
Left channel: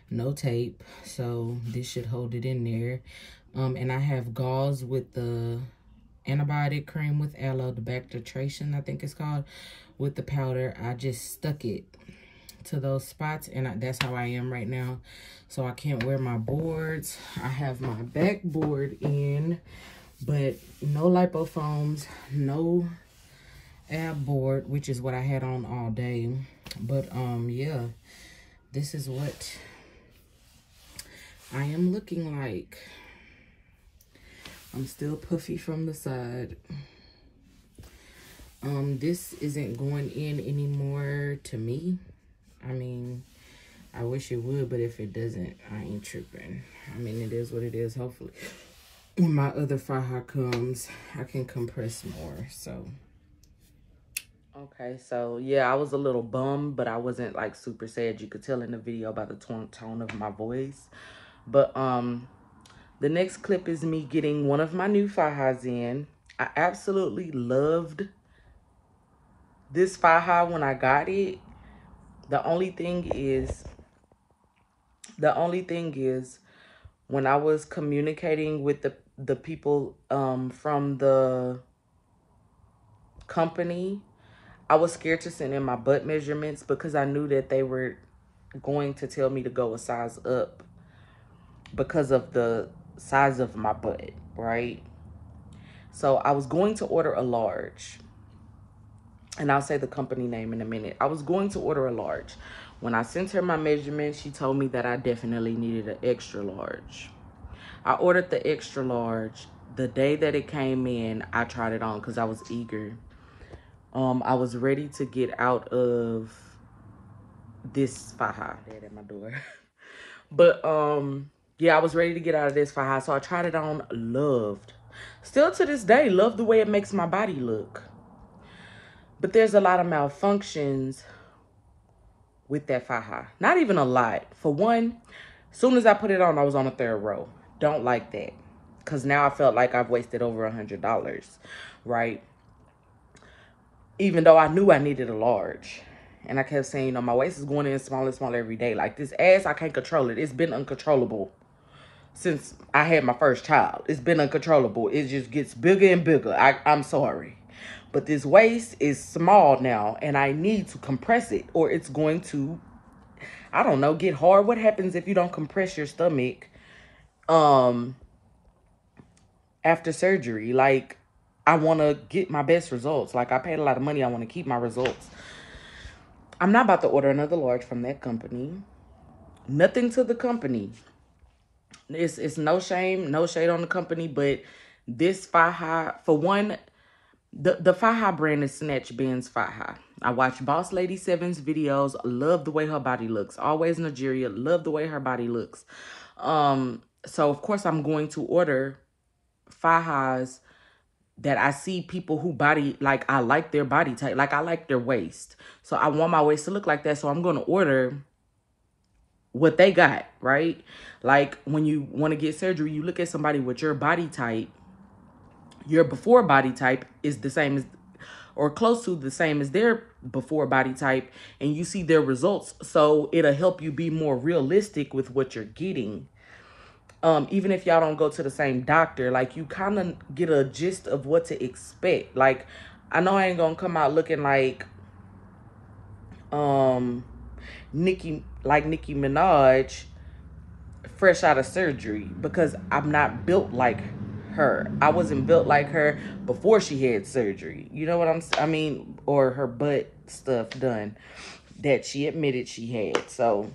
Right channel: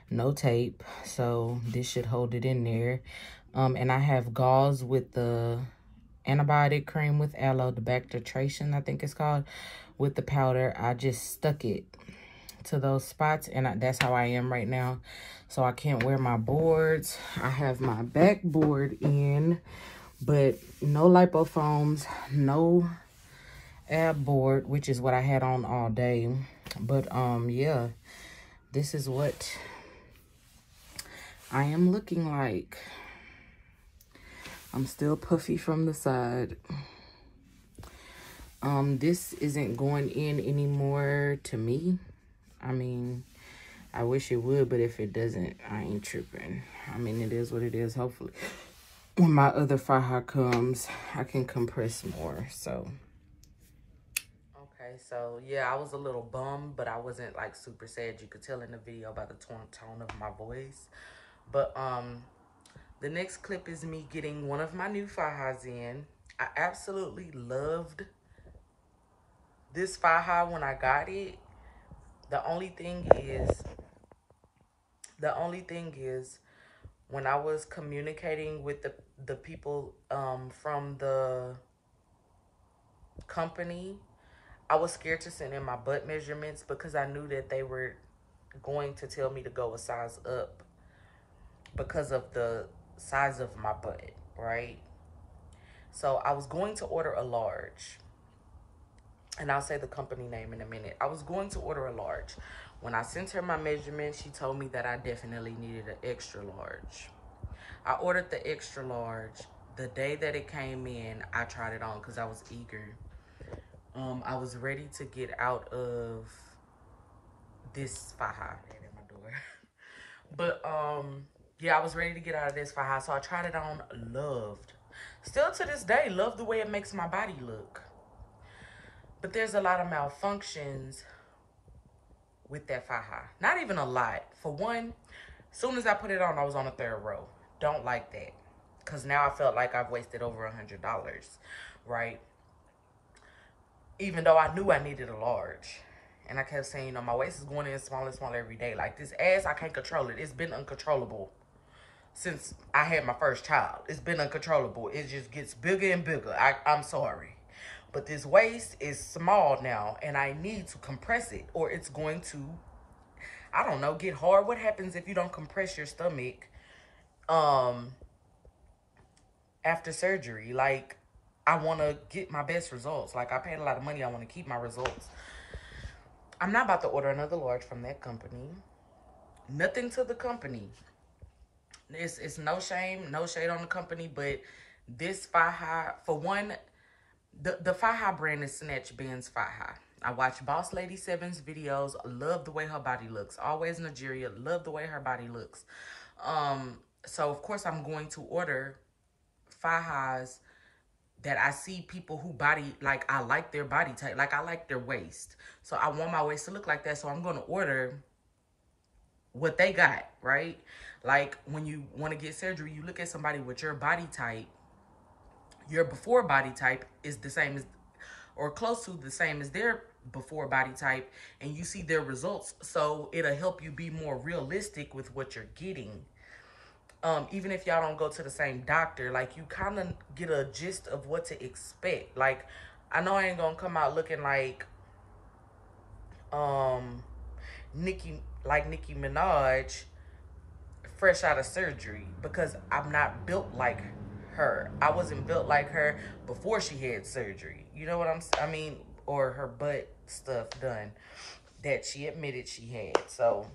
No tape, so this should hold it in there. And I have gauze with the antibiotic cream with aloe, the bactitration, I think it's called, with the powder. I just stuck it to those spots, and that's how I am right now. So I can't wear my boards. I have my backboard in, but no lipofoams, no ab board, which is what I had on all day. But yeah, this is what I am looking like. I'm still puffy from the side. This isn't going in anymore to me. I mean, I wish it would, but if it doesn't, I ain't tripping. I mean, it is what it is. Hopefully, when my other Faja comes, I can compress more, so. Okay, so, yeah, I was a little bummed, but I wasn't, like, super sad. You could tell in the video by the tone of my voice. But, the next clip is me getting one of my new Fajas in. I absolutely loved this Faja when I got it. The only thing is, when I was communicating with the people from the company, I was scared to send in my butt measurements because I knew that they were going to tell me to go a size up because of the size of my butt, right? So I was going to order a large. And I'll say the company name in a minute. I was going to order a large. When I sent her my measurements, she told me that I definitely needed an extra large. I ordered the extra large. The day that it came in, I tried it on because I was eager. I was ready to get out of this Faja. At my door. But, yeah, I was ready to get out of this Faja. So I tried it on, loved. Still to this day, love the way it makes my body look. But there's a lot of malfunctions with that Faja. Not even a lot. For one, as soon as I put it on, I was on a third row. Don't like that. Because now I felt like I've wasted over $100, right? Even though I knew I needed a large. And I kept saying, you know, my waist is going in smaller and smaller every day. Like this ass, I can't control it. It's been uncontrollable since I had my first child. It's been uncontrollable. It just gets bigger and bigger. I'm sorry. But this waist is small now, and I need to compress it, or it's going to, I don't know, get hard. What happens if you don't compress your stomach after surgery? Like, I want to get my best results. Like, I paid a lot of money. I want to keep my results. I'm not about to order another large from that company. Nothing to the company. It's no shame, no shade on the company, but this Faja, for one, the Faja brand is Snatch Ben's Faja. I watch Boss Lady 7's videos. Love the way her body looks. Always Nigeria. Love the way her body looks. So, of course, I'm going to order Fajas that I see people who body, like, I like their body type. Like, I like their waist. So, I want my waist to look like that. So, I'm going to order what they got, right? Like, when you want to get surgery, you look at somebody with your body type. Your before body type is the same as, or close to the same as their before body type, and you see their results. So it'll help you be more realistic with what you're getting. Even if y'all don't go to the same doctor, like you kind of get a gist of what to expect. Like, I know I ain't gonna come out looking like Nicki Minaj fresh out of surgery, because I'm not built like her. I wasn't built like her before she had surgery. You know what I mean, or her butt stuff done that she admitted she had. So,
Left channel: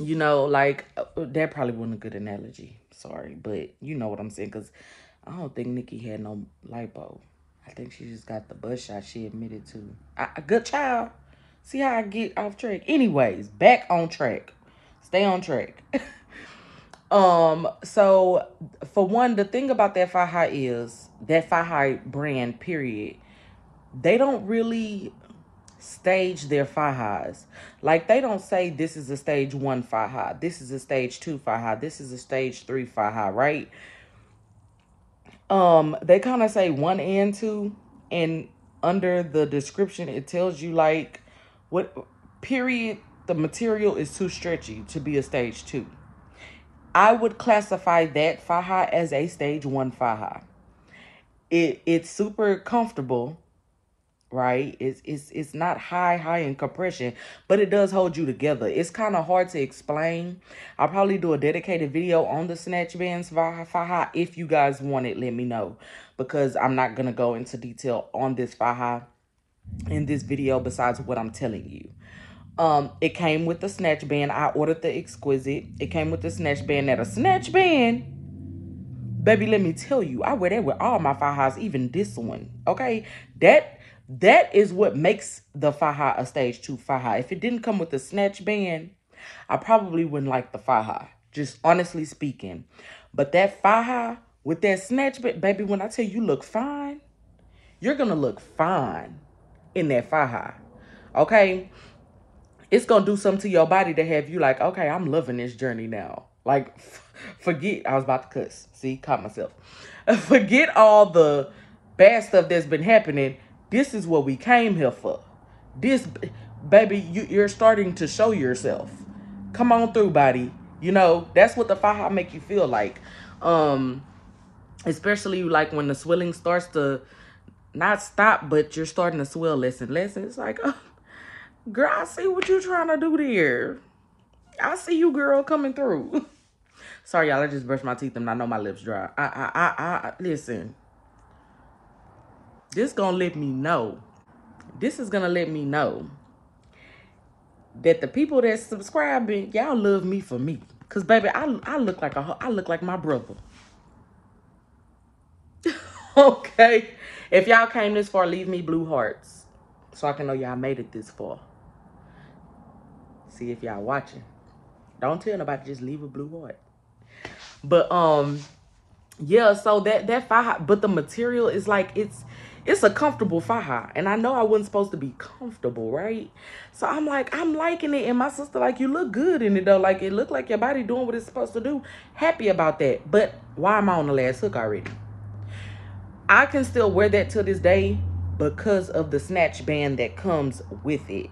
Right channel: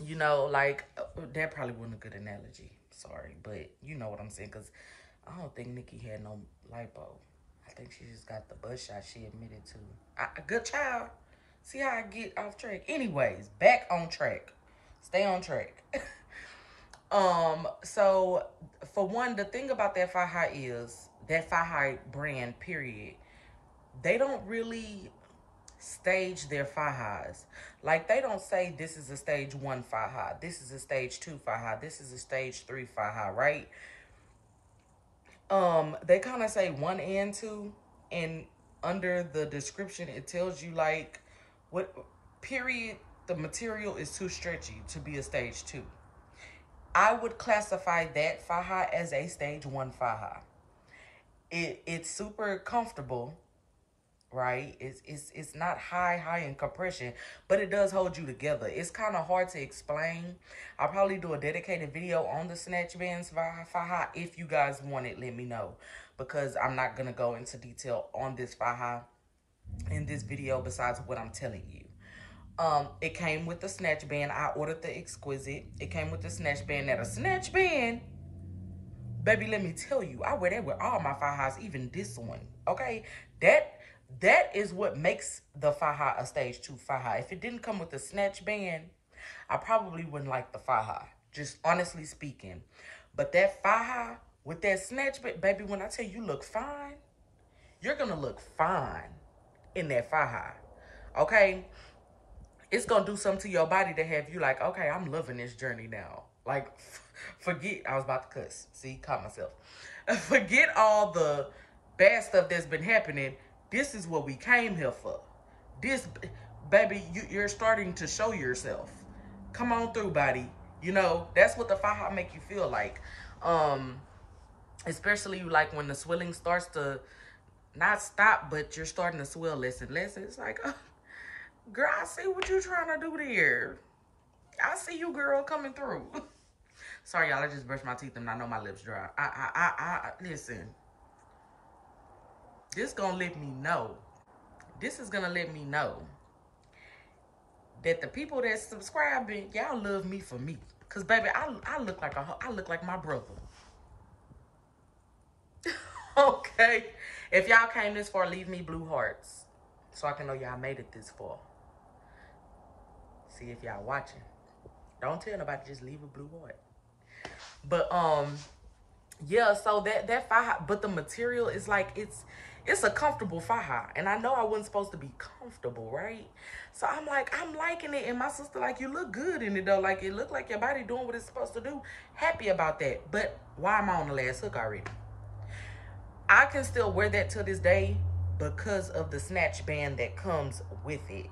you know, like, that probably wasn't a good analogy. Sorry, but you know what I'm saying, because I don't think Nicki had no lipo. I think she just got the butt shot she admitted to. A good child. See how I get off track? Anyways, back on track. Stay on track. So for one, the thing about that Faja is that Faja brand, period, they don't really stage their Fajas. Like, they don't say this is a stage 1 Faja, this is a stage 2 Faja, this is a stage 3 Faja, right? They kind of say 1 and 2, and under the description it tells you, like, what period the material is too stretchy to be a stage 2. I would classify that Faja as a stage 1 Faja. It's super comfortable, right? It's not high in compression, but it does hold you together. It's kind of hard to explain. I'll probably do a dedicated video on the Snatch Bands Faja. If you guys want it, let me know, because I'm not going to go into detail on this Faja in this video besides what I'm telling you. It came with the Snatch Band. I ordered the Exquisite. It came with the Snatch Band. Now, the Snatch Band, baby, let me tell you, I wear that with all my Fajas, even this one, okay? That is what makes the Faja a stage 2 Faja. If it didn't come with the Snatch Band, I probably wouldn't like the Faja, just honestly speaking. But that Faja with that snatch, baby, when I tell you look fine, you're going to look fine in that Faja. Okay? It's going to do something to your body to have you like, okay, I'm loving this journey now. Like, forget, I was about to cuss. See, caught myself. Forget all the bad stuff that's been happening. This is what we came here for. This, baby, you're starting to show yourself. Come on through, body. You know, that's what the Faja make you feel like. Especially like when the swelling starts to not stop, but you're starting to swell less and less. And it's like, oh, girl, I see what you're trying to do there. I see you, girl, coming through. Sorry, y'all, I just brushed my teeth and I know my lips dry. Listen. This gonna let me know. This is gonna let me know that the people that's subscribing, y'all love me for me. Cause baby, I look like my brother. Okay. If y'all came this far, leave me blue hearts. So I can know y'all made it this far. See if y'all watching. Don't tell nobody, just leave a blue heart. But yeah, so that Faja, but the material is like it's a comfortable Faja. And I know I wasn't supposed to be comfortable, right? So I'm like, I'm liking it. And my sister like, you look good in it though. Like it looked like your body doing what it's supposed to do. Happy about that. But why am I on the last hook already? I can still wear that to this day because of the Snatch band that comes with it.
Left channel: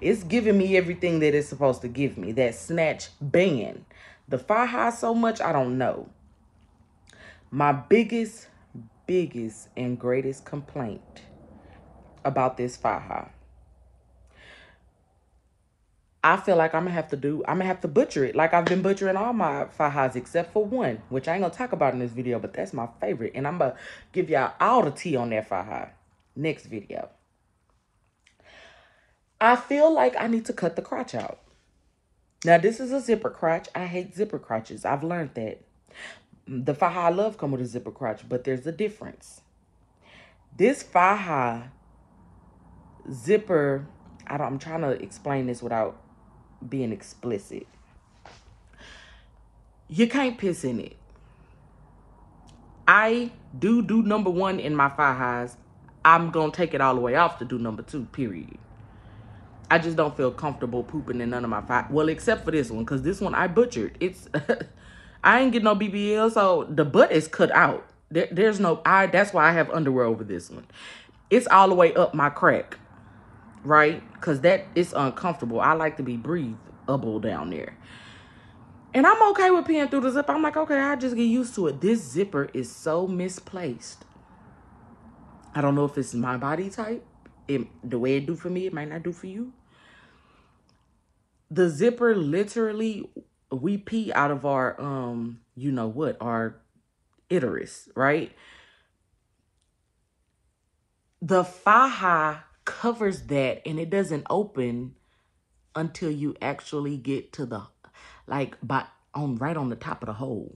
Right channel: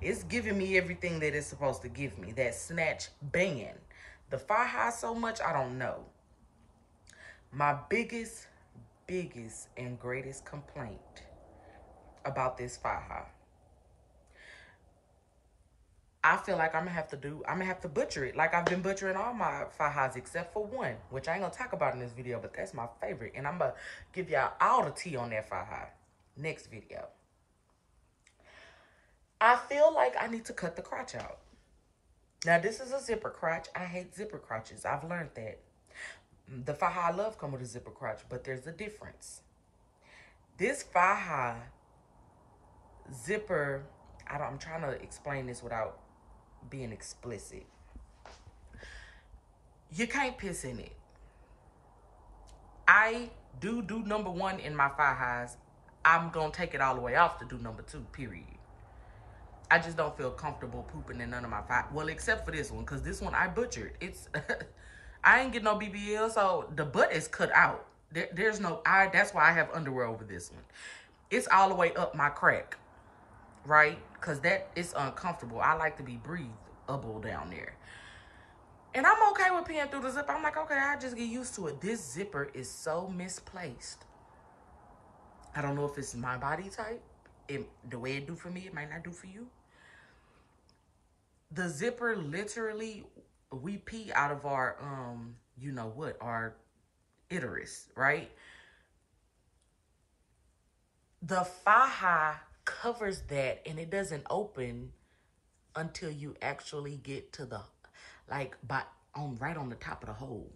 It's giving me everything that it's supposed to give me. That Snatch band. The Faja so much, I don't know. My biggest and greatest complaint about this Faja, I feel like I'm gonna have to butcher it. Like I've been butchering all my Fajas except for one, which I ain't gonna talk about in this video, but that's my favorite. And I'm gonna give y'all all the tea on that Faja next video. I feel like I need to cut the crotch out. Now, this is a zipper crotch. I hate zipper crotches. I've learned that. The Faja I love come with a zipper crotch, but there's a difference. This Faja zipper, I'm trying to explain this without being explicit. You can't piss in it. I do number one in my Fajas. I'm going to take it all the way off to do number two, period. I just don't feel comfortable pooping in none of my Fajas. Well, except for this one, because this one I butchered. It's, I ain't getting no BBL, so the butt is cut out. There's no, that's why I have underwear over this one. It's all the way up my crack, right? Because that is uncomfortable. I like to be breathable down there. And I'm okay with peeing through the zipper. I'm like, okay, I just get used to it. This zipper is so misplaced. I don't know if it's my body type. The way it do for me, it might not do for you. The zipper literally, we pee out of our, you know what, our uterus, right? The Faja covers that and it doesn't open until you actually get to the, like, right on the top of the hole.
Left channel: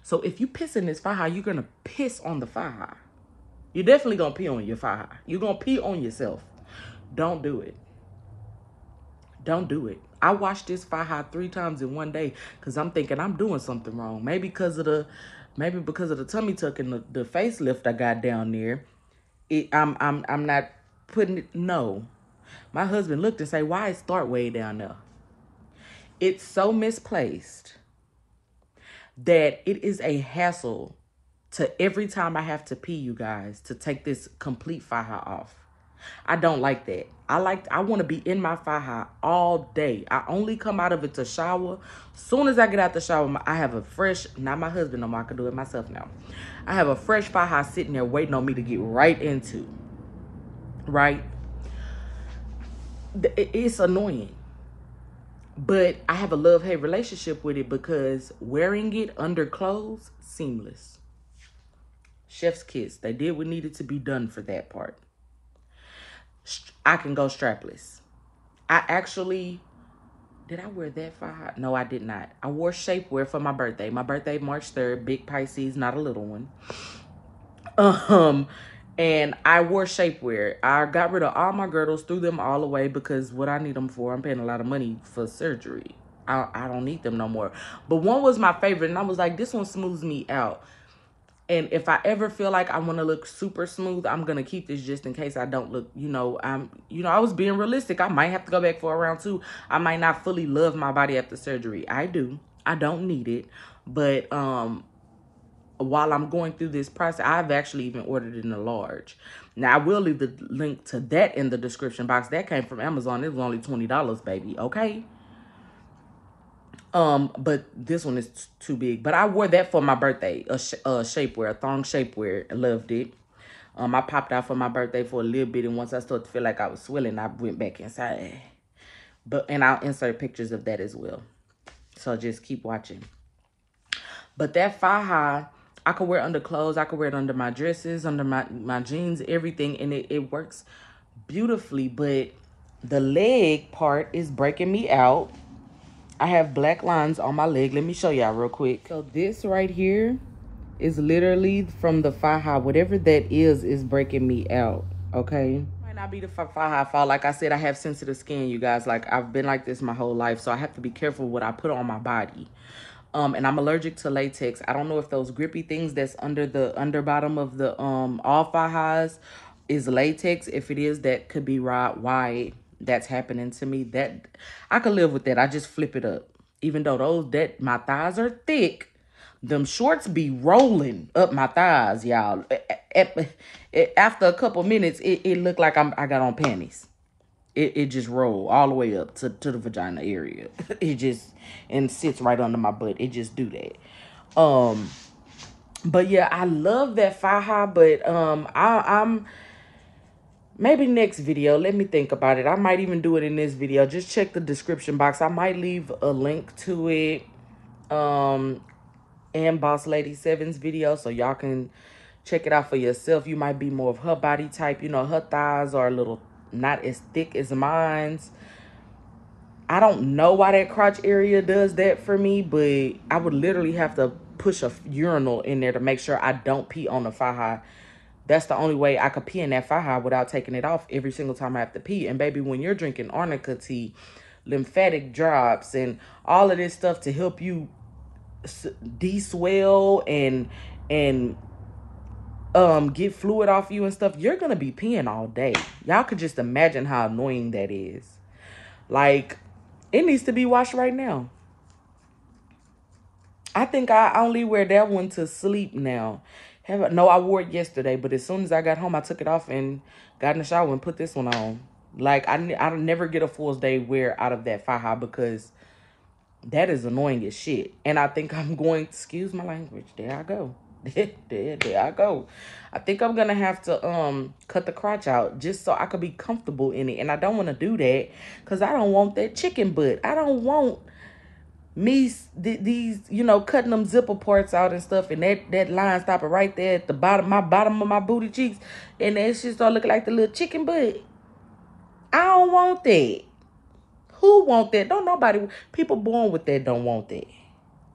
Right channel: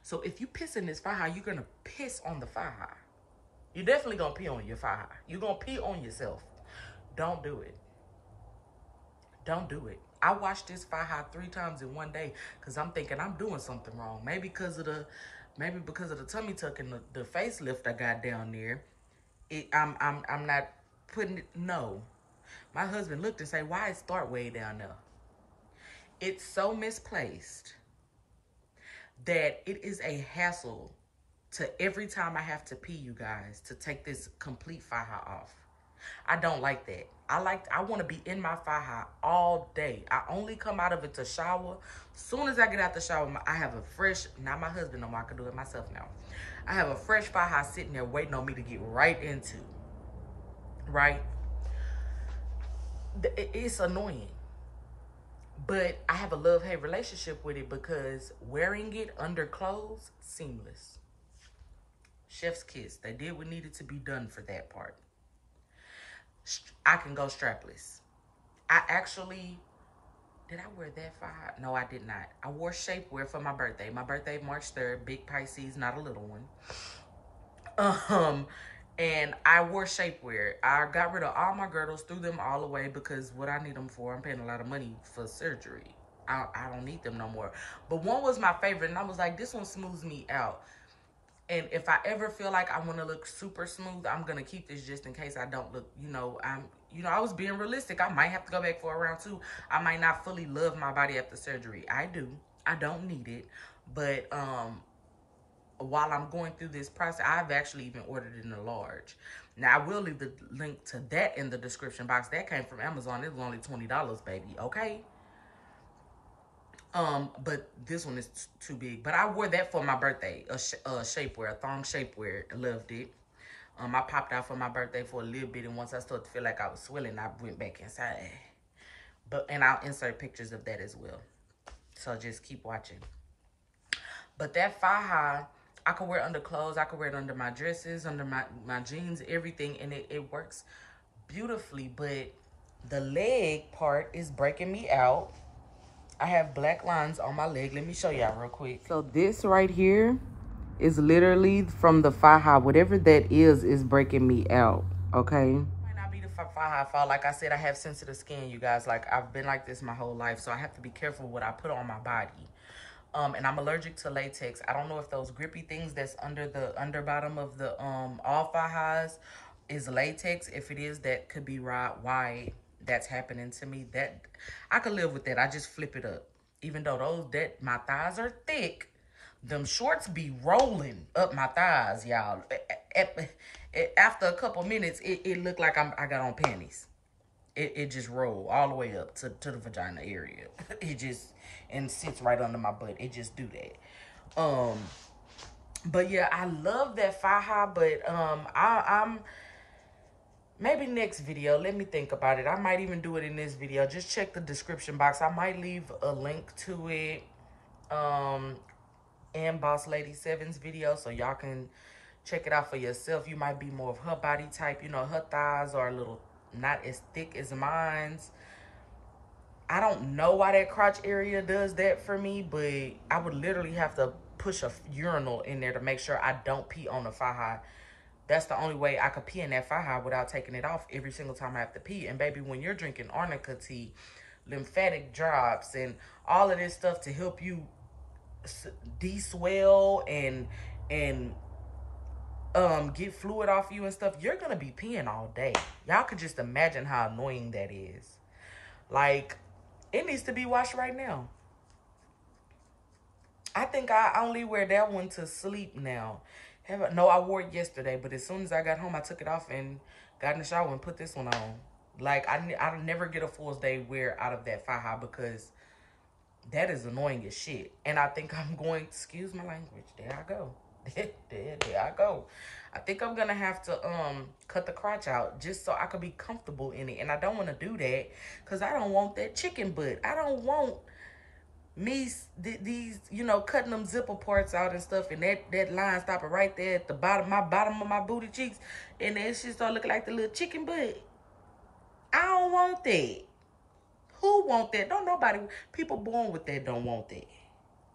So if you piss in this Faja, you're going to piss on the Faja. You're definitely going to pee on your Faja. You're going to pee on yourself. Don't do it. Don't do it. I watched this Faja 3 times in one day because I'm thinking I'm doing something wrong. Maybe because of the tummy tuck and the facelift I got down there. I'm not putting it. No. My husband looked and said, why it start way down there? It's so misplaced that it is a hassle to every time I have to pee, you guys, to take this complete Faja off. I don't like that. I want to be in my Faja all day. I only come out of it to shower. Soon as I get out the shower, I have a fresh, not my husband no more, I can do it myself now. I have a fresh Faja sitting there waiting on me to get right into. Right? It's annoying. But I have a love-hate relationship with it because wearing it under clothes, seamless. Chef's kiss. They did what needed to be done for that part. I can go strapless. I actually, did I wear that Faja? No, I did not. I wore shapewear for my birthday. My birthday, March 3rd, big Pisces, not a little one. And I wore shapewear. I got rid of all my girdles, threw them all away because what I need them for, I'm paying a lot of money for surgery. I don't need them no more. But one was my favorite, and I was like, this one smooths me out. And if I ever feel like I want to look super smooth, I'm going to keep this just in case I don't look, I was being realistic. I might have to go back for a round two. I might not fully love my body after surgery. I do. I don't need it. But, while I'm going through this process, I've actually even ordered it in a large. Now, I will leave the link to that in the description box. That came from Amazon. It was only $20, baby, okay? But this one is too big. But I wore that for my birthday, a shapewear, a thong shapewear. I loved it. I popped out for my birthday for a little bit, and once I started to feel like I was swelling, I went back inside. And I'll insert pictures of that as well. So just keep watching. But that Faja, I could wear under clothes. I could wear it under my dresses, under my jeans, everything. And it works beautifully. But the leg part is breaking me out. I have black lines on my leg. Let me show y'all real quick. So this right here is literally from the Faja. Whatever that is breaking me out, okay? Might not be the Faja fault. Like I said, I have sensitive skin, you guys. Like, I've been like this my whole life. So I have to be careful what I put on my body. And I'm allergic to latex. I don't know if those grippy things that's under the underbottom of the all Fajas is latex. If it is, that could be why that's happening to me. That I could live with that. I just flip it up. Even though my thighs are thick, them shorts be rolling up my thighs, y'all. After a couple minutes, it looked like I got on panties. It just roll all the way up to the vagina area. It just, and sits right under my butt. It just do that. But yeah, I love that Faja, but I'm maybe next video. Let me think about it. I might even do it in this video. Just check the description box. I might leave a link to it. And Boss Lady 7's video, so y'all can check it out for yourself. You might be more of her body type. You know, her thighs are a little not as thick as mine's. I don't know why that crotch area does that for me, but I would literally have to push a urinal in there to make sure I don't pee on the Faja. That's the only way I could pee in that Faja without taking it off every single time I have to pee. And baby, when you're drinking arnica tea, lymphatic drops, and all of this stuff to help you de-swell and get fluid off you and stuff, you're gonna be peeing all day. Y'all could just imagine how annoying that is. Like, it needs to be washed right now. I think I only wear that one to sleep now. No, I wore it yesterday, but as soon as I got home, I took it off and got in the shower and put this one on. Like, I never get a full day wear out of that Faja because that is annoying as shit. And I think I'm going, excuse my language, there I go. there I go. I think I'm gonna have to cut the crotch out just so I could be comfortable in it. And I don't want to do that because I don't want that chicken butt. I don't want these cutting them zipper parts out and stuff, and that line stopping right there at the bottom of my booty cheeks, and that shit start looking like the little chicken butt. I don't want that. Who want that? Don't nobody. People born with that don't want that.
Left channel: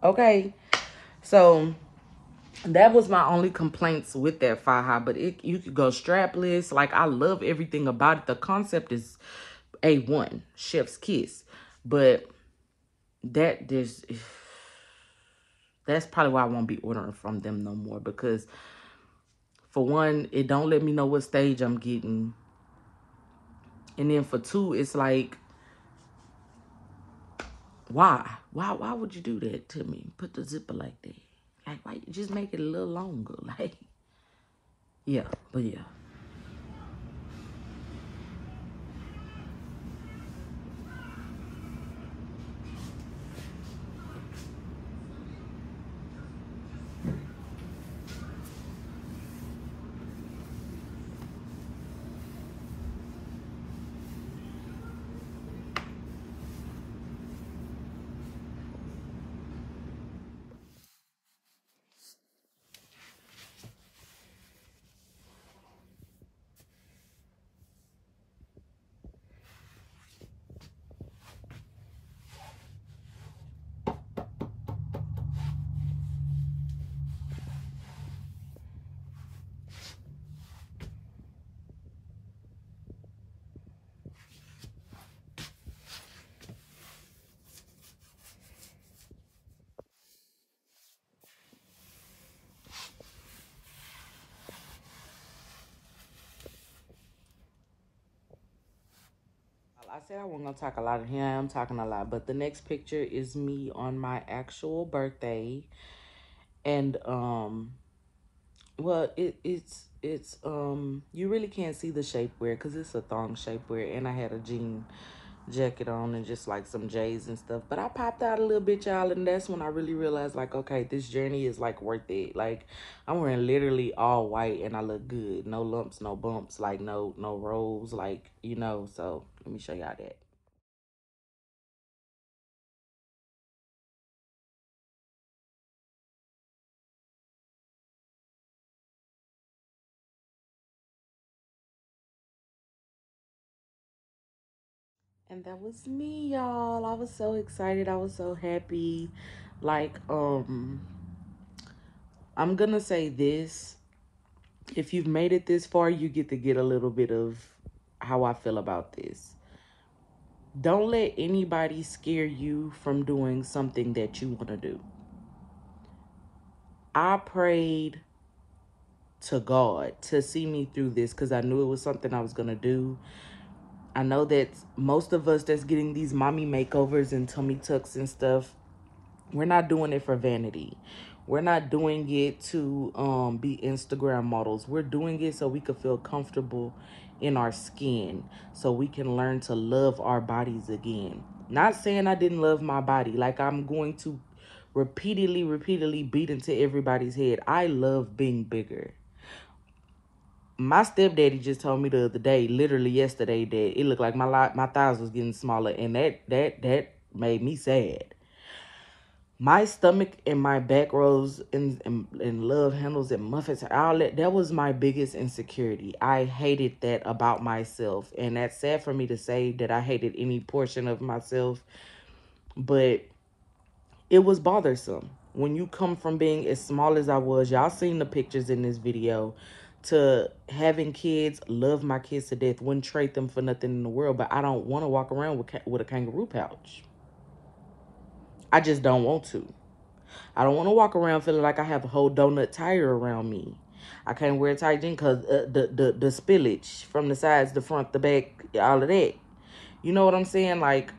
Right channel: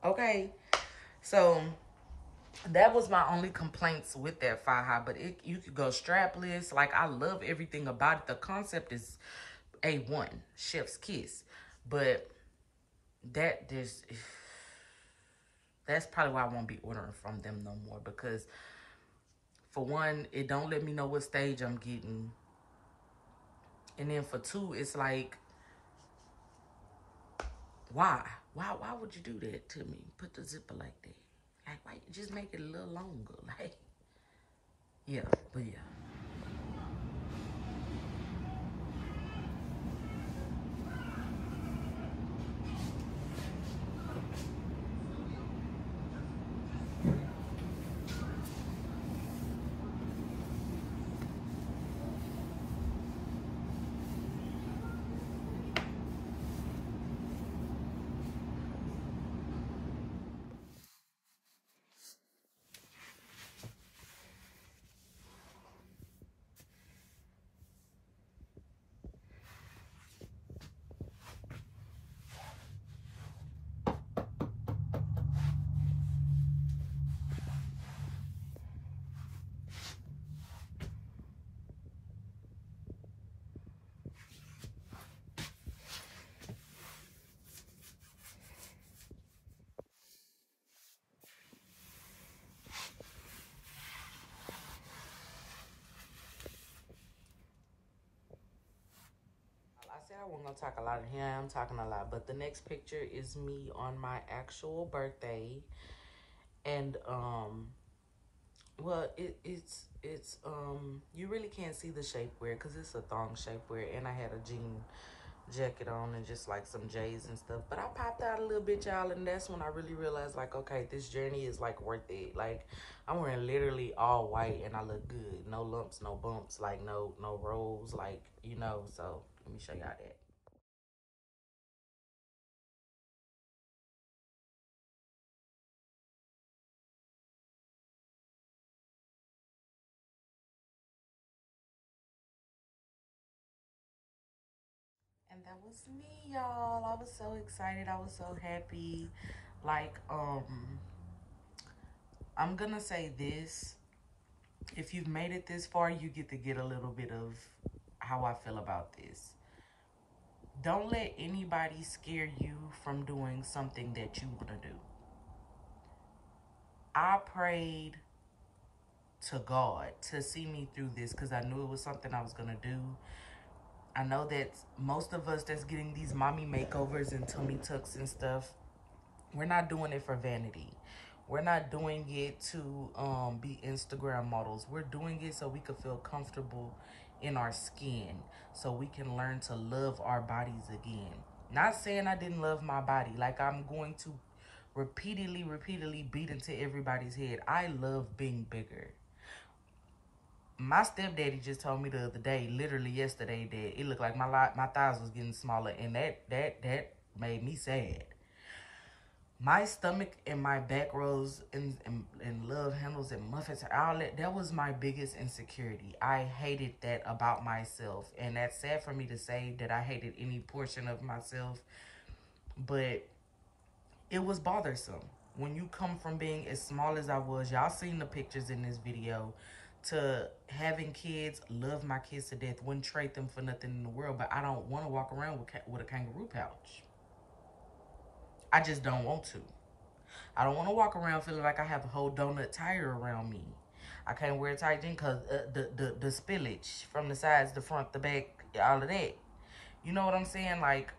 Okay, so that was my only complaints with that Faja. But you could go strapless. Like, I love everything about it. The concept is A1, chef's kiss. But that's probably why I won't be ordering from them no more, because for one, it don't let me know what stage I'm getting, and then for two, it's like, why would you do that to me? Put the zipper like that. Like, why you just make it a little longer? Like, yeah, but yeah. I said I wasn't gonna talk a lot. Here I am talking a lot. But the next picture is me on my actual birthday. And well, it's you really can't see the shapewear because it's a thong shapewear, and I had a jean jacket on and just like some J's and stuff. But I popped out a little bit, y'all, and that's when I really realized, like, okay, this journey is like worth it. Like, I'm wearing literally all white and I look good. No lumps, no bumps, like no rolls, like, you know. So let me show y'all that. And that was me, y'all. I was so excited. I was so happy. Like, I'm gonna say this. If you've made it this far, you get to get a little bit of how I feel about this. Don't let anybody scare you from doing something that you want to do. I prayed to God to see me through this because I knew it was something I was going to do. I know that most of us that's getting these mommy makeovers and tummy tucks and stuff, we're not doing it for vanity. We're not doing it to be Instagram models. We're doing it so we could feel comfortable in our skin, so we can learn to love our bodies again. Not saying I didn't love my body. Like, I'm going to repeatedly beat into everybody's head. I love being bigger. My stepdaddy just told me the other day, literally yesterday, that it looked like my thighs was getting smaller, and that made me sad. My stomach and my back rolls and love handles and muffins, all that was my biggest insecurity. I hated that about myself. And that's sad for me to say that I hated any portion of myself. But it was bothersome. When you come from being as small as I was, y'all seen the pictures in this video, to having kids, love my kids to death, wouldn't trade them for nothing in the world. But I don't want to walk around with a kangaroo pouch. I just don't want to. I don't want to walk around feeling like I have a whole donut tire around me. I can't wear a tight jean because the spillage from the sides, the front, the back, all of that. You know what I'm saying? Like,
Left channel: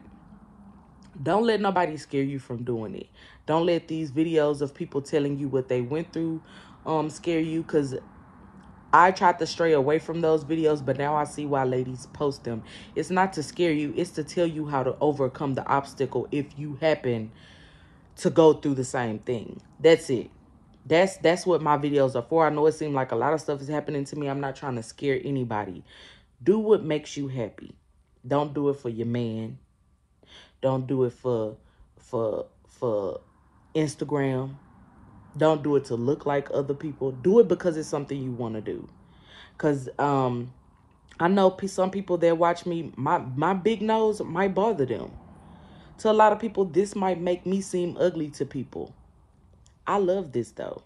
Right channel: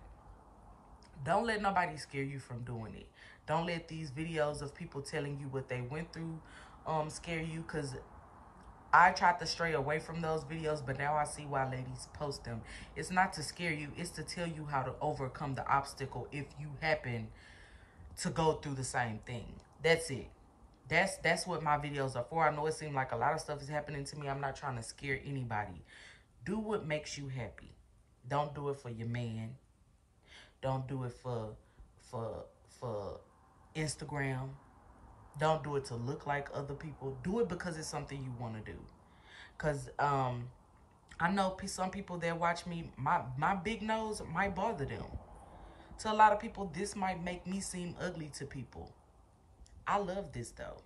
don't let nobody scare you from doing it. Don't let these videos of people telling you what they went through scare you, because I tried to stray away from those videos, but now I see why ladies post them. It's not to scare you. It's to tell you how to overcome the obstacle if you happen to go through the same thing. That's it. That's what my videos are for. I know it seems like a lot of stuff is happening to me. I'm not trying to scare anybody. Do what makes you happy. Don't do it for your man. Don't do it for Instagram. Don't do it to look like other people. Do it because it's something you want to do. Because I know some people that watch me, my big nose might bother them. To a lot of people, this might make me seem ugly to people. I love this, though.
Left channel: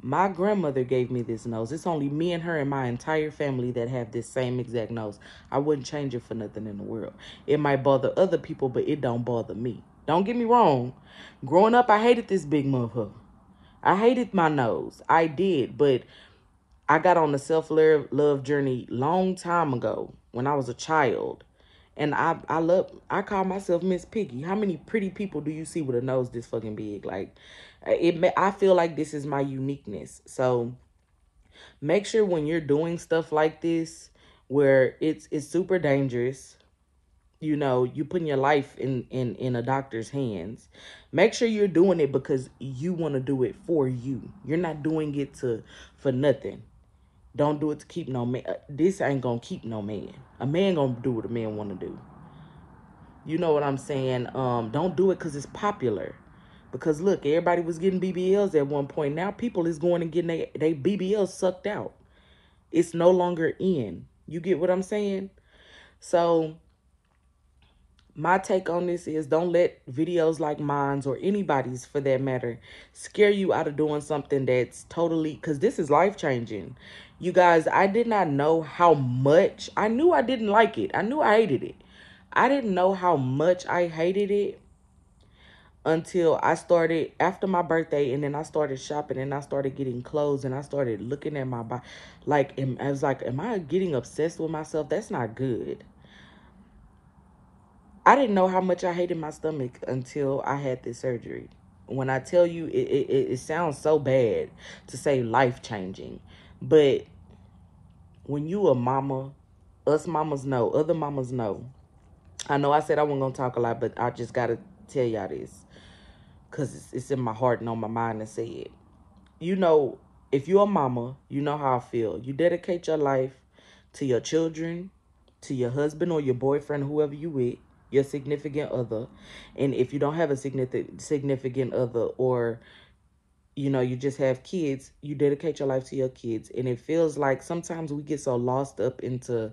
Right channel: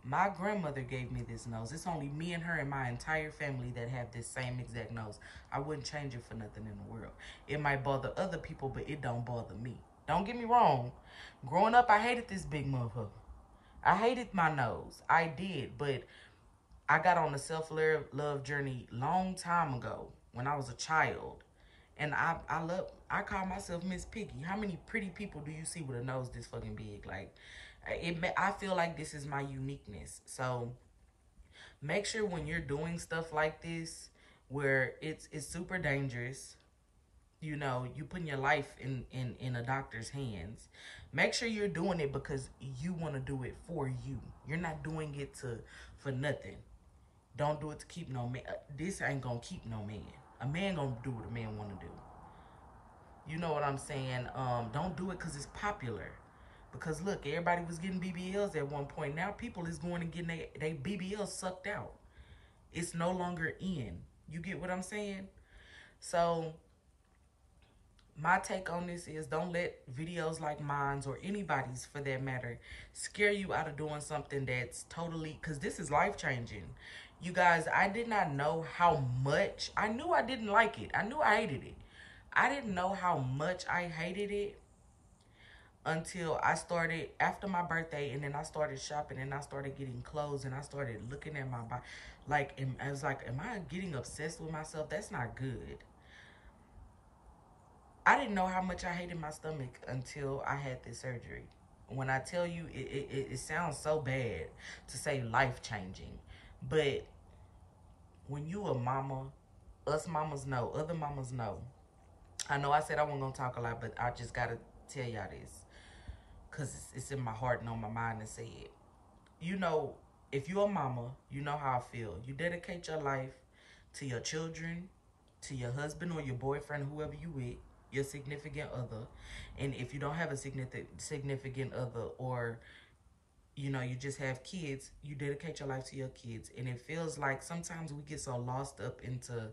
My grandmother gave me this nose. It's only me and her and my entire family that have this same exact nose. I wouldn't change it for nothing in the world. It might bother other people, but it don't bother me. Don't get me wrong. Growing up, I hated this big motherfucker. I hated my nose. I did, but I got on the self-love journey long time ago when I was a child. And I call myself Miss Piggy. How many pretty people do you see with a nose this fucking big? Like, I feel like this is my uniqueness. So make sure when you're doing stuff like this, where it's super dangerous, you know, you putting your life in a doctor's hands, make sure you're doing it because you want to do it for you. You're not doing it for nothing. Don't do it to keep no man. This ain't gonna keep no man. A man gonna do what a man want to do. You know what I'm saying? Don't do it because it's popular. Because look, everybody was getting BBLs at one point. Now people is going and getting they BBLs sucked out. It's no longer in. You get what I'm saying? So my take on this is, don't let videos like mine's, or anybody's for that matter, scare you out of doing something that's totally, because this is life-changing. You guys, I did not know how much, I knew I didn't like it. I knew I hated it. I didn't know how much I hated it until I started, after my birthday, and then I started shopping, and I started getting clothes, and I started looking at my body. Like, I was like, am I getting obsessed with myself? That's not good. I didn't know how much I hated my stomach until I had this surgery. When I tell you, it sounds so bad to say life-changing. But when you a mama, us mamas know, other mamas know. I know I said I wasn't going to talk a lot, but I just got to tell y'all this. Because it's in my heart and on my mind to say it. You know, if you're a mama, you know how I feel. You dedicate your life to your children, to your husband or your boyfriend, whoever you with, your significant other. And if you don't have a significant other, or, you know, you just have kids, you dedicate your life to your kids. And it feels like sometimes we get so lost up into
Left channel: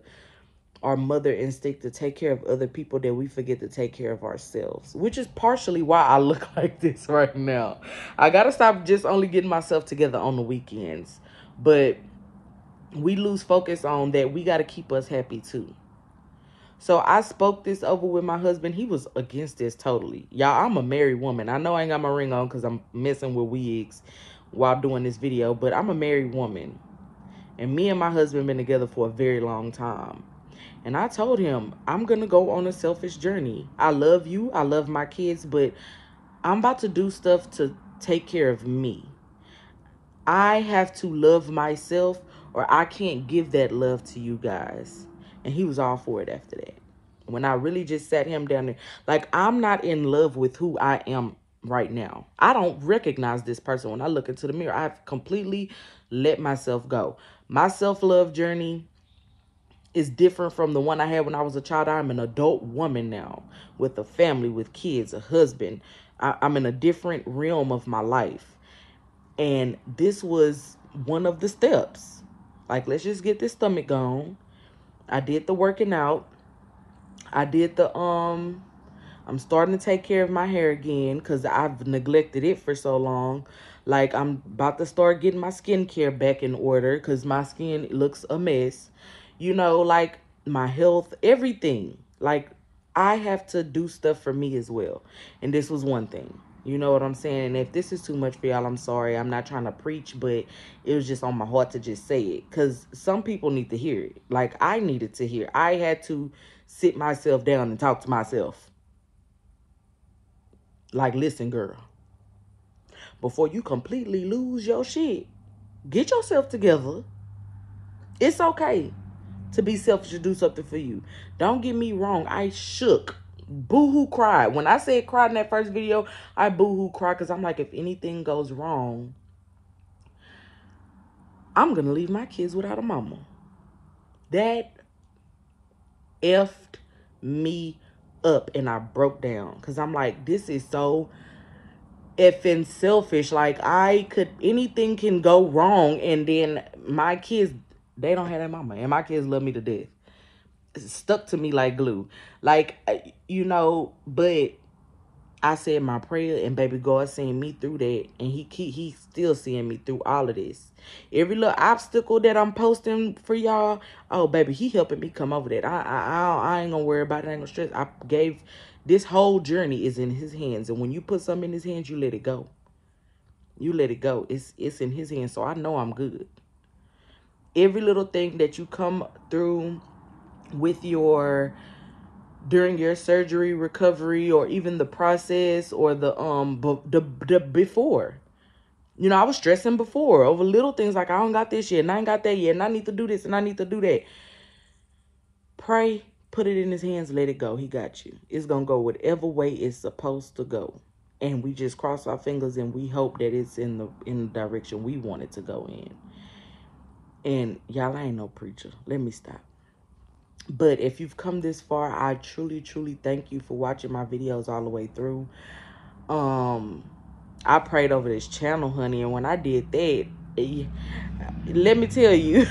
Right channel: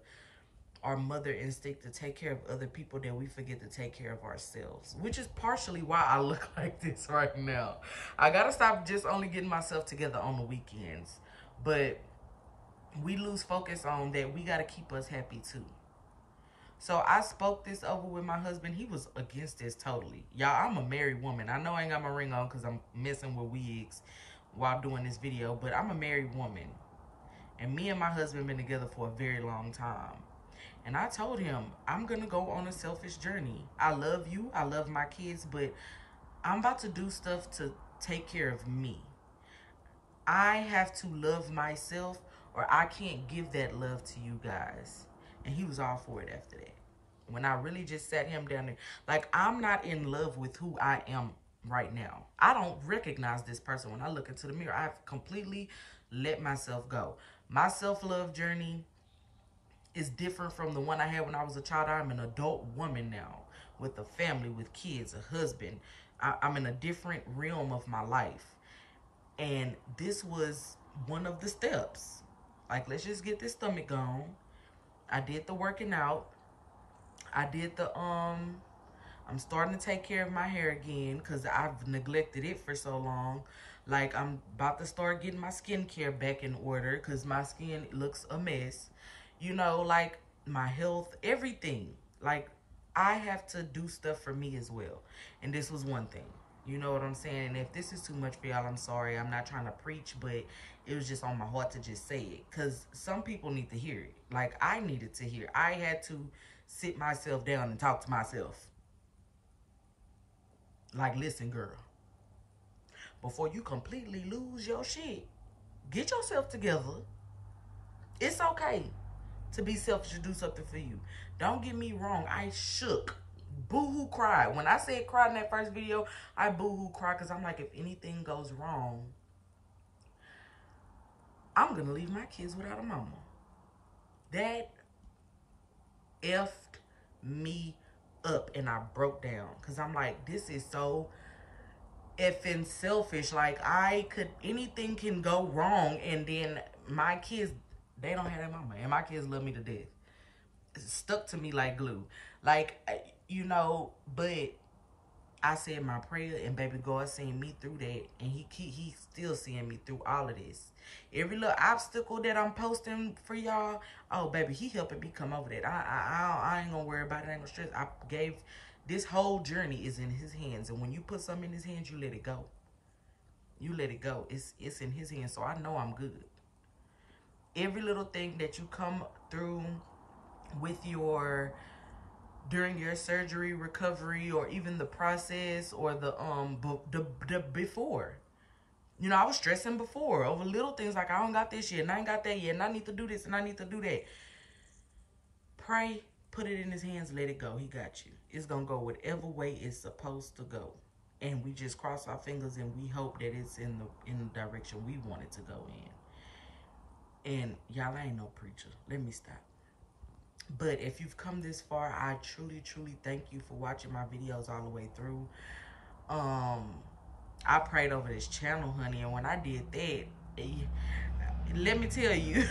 our mother instinct to take care of other people that we forget to take care of ourselves, which is partially why I look like this right now. I gotta stop just only getting myself together on the weekends, but we lose focus on that. We gotta keep us happy too. So I spoke this over with my husband. He was against this totally. Y'all, I'm a married woman. I know I ain't got my ring on because I'm messing with wigs while doing this video, but I'm a married woman, and me and my husband been together for a very long time. And I told him, I'm going to go on a selfish journey. I love you. I love my kids. But I'm about to do stuff to take care of me. I have to love myself, or I can't give that love to you guys. And he was all for it after that. When I really just sat him down there. Like, I'm not in love with who I am right now. I don't recognize this person when I look into the mirror. I've completely let myself go. My self-love journey is different from the one I had when I was a child. I'm an adult woman now with a family, with kids, a husband. I'm in a different realm of my life. And this was one of the steps. Like, let's just get this stomach gone. I did the working out. I did the, I'm starting to take care of my hair again because I've neglected it for so long. Like, I'm about to start getting my skincare back in order because my skin looks a mess. You know, like, my health, everything. Like, I have to do stuff for me as well. And this was one thing. You know what I'm saying? And if this is too much for y'all, I'm sorry. I'm not trying to preach, but it was just on my heart to just say it. Because some people need to hear it. Like, I needed to hear. I had to sit myself down and talk to myself. Like, listen, girl. Before you completely lose your shit, get yourself together. It's okay to be selfish, to do something for you. Don't get me wrong. I shook. Boo-hoo cried. When I said cried in that first video, I boo-hoo cried because I'm like, if anything goes wrong, I'm going to leave my kids without a mama. That effed me up, and I broke down because I'm like, this is so effing selfish. Like, anything can go wrong, and then my kids, they don't have that mama, and my kids love me to death. It's stuck to me like glue. Like, you know, but I said my prayer, and baby God seen me through that, and he's still seeing me through all of this. Every little obstacle that I'm posting for y'all, oh baby, he helping me come over that. I ain't gonna worry about it. I ain't gonna stress. I gave, this whole journey is in his hands, and when you put something in his hands, you let it go. You let it go. It's in his hands, so I know I'm good. Every little thing that you come through with during your surgery recovery, or even the process, or the before, you know, I was stressing before over little things like, I don't got this yet, and I ain't got that yet, and I need to do this, and I need to do that. Pray, put it in his hands, let it go. He got you. It's gonna go whatever way it's supposed to go, and we just cross our fingers and we hope that it's in the direction we want it to go in. And y'all, I ain't no preacher. Let me stop. But if you've come this far, I truly, truly thank you for watching my videos all the way through. I prayed over this channel, honey, and when I did that, let me tell you,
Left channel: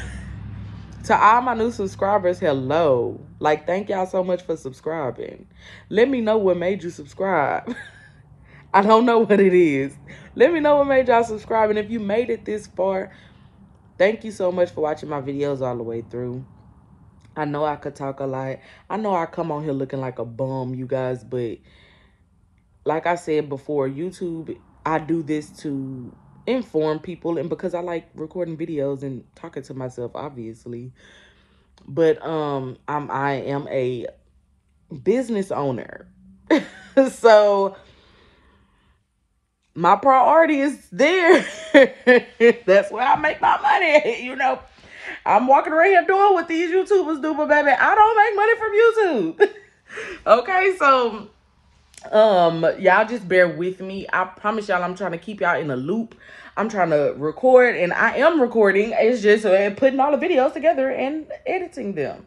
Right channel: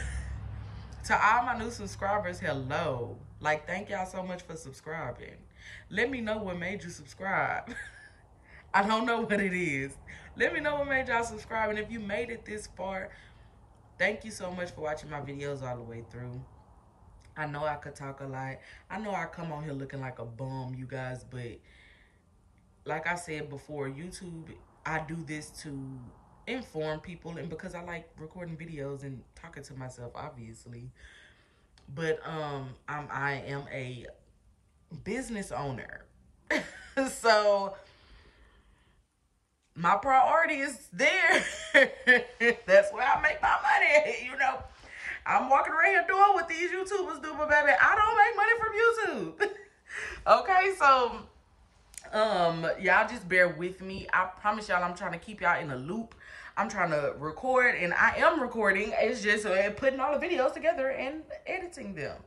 to all my new subscribers, hello. Like, thank y'all so much for subscribing. Let me know what made you subscribe. I don't know what it is. Let me know what made y'all subscribe. And if you made it this far, thank you so much for watching my videos all the way through. I know I could talk a lot. I know I come on here looking like a bum, you guys, but like I said before, YouTube, I do this to inform people, and because I like recording videos and talking to myself, obviously. But I am a business owner. So my priority is there. That's where I make my money. You know, I'm walking around here doing what these YouTubers do, but baby, I don't make money from YouTube. Okay, so y'all just bear with me. I promise y'all I'm trying to keep y'all in a loop. I'm trying to record, and I am recording. It's just putting all the videos together and editing them.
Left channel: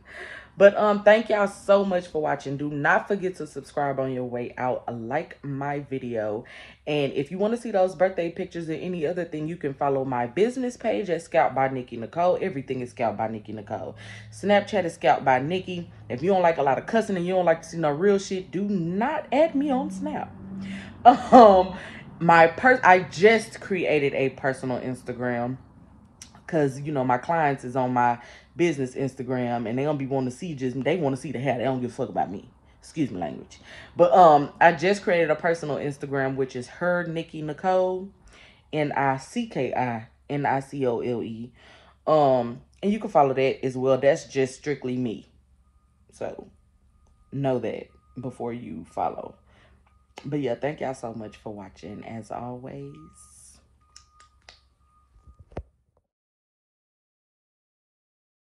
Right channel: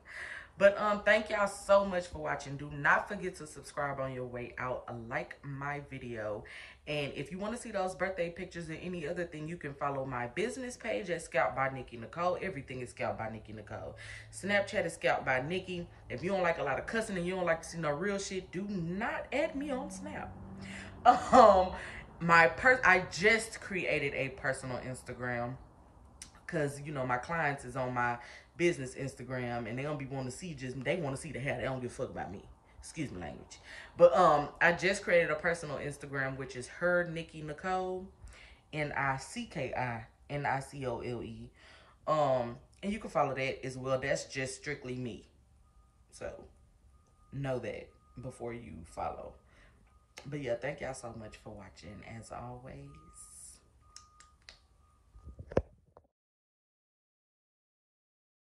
But thank y'all so much for watching. Do not forget to subscribe on your way out. Like my video. And if you want to see those birthday pictures or any other thing, you can follow my business page at ScalpedByNickiNicole. Everything is ScalpedByNickiNicole. Snapchat is ScalpedByNicki. If you don't like a lot of cussing and you don't like to see no real shit, do not add me on Snap. I just created a personal Instagram, because, you know, my clients is on my business Instagram, and they gonna be wanting to see they want to see the hair. They don't give a fuck about me. Excuse me, language. But I just created a personal Instagram, which is HerNickiNicole, NickiNicole. And you can follow that as well. That's just strictly me. So know that before you follow. But yeah, thank y'all so much for watching, as always.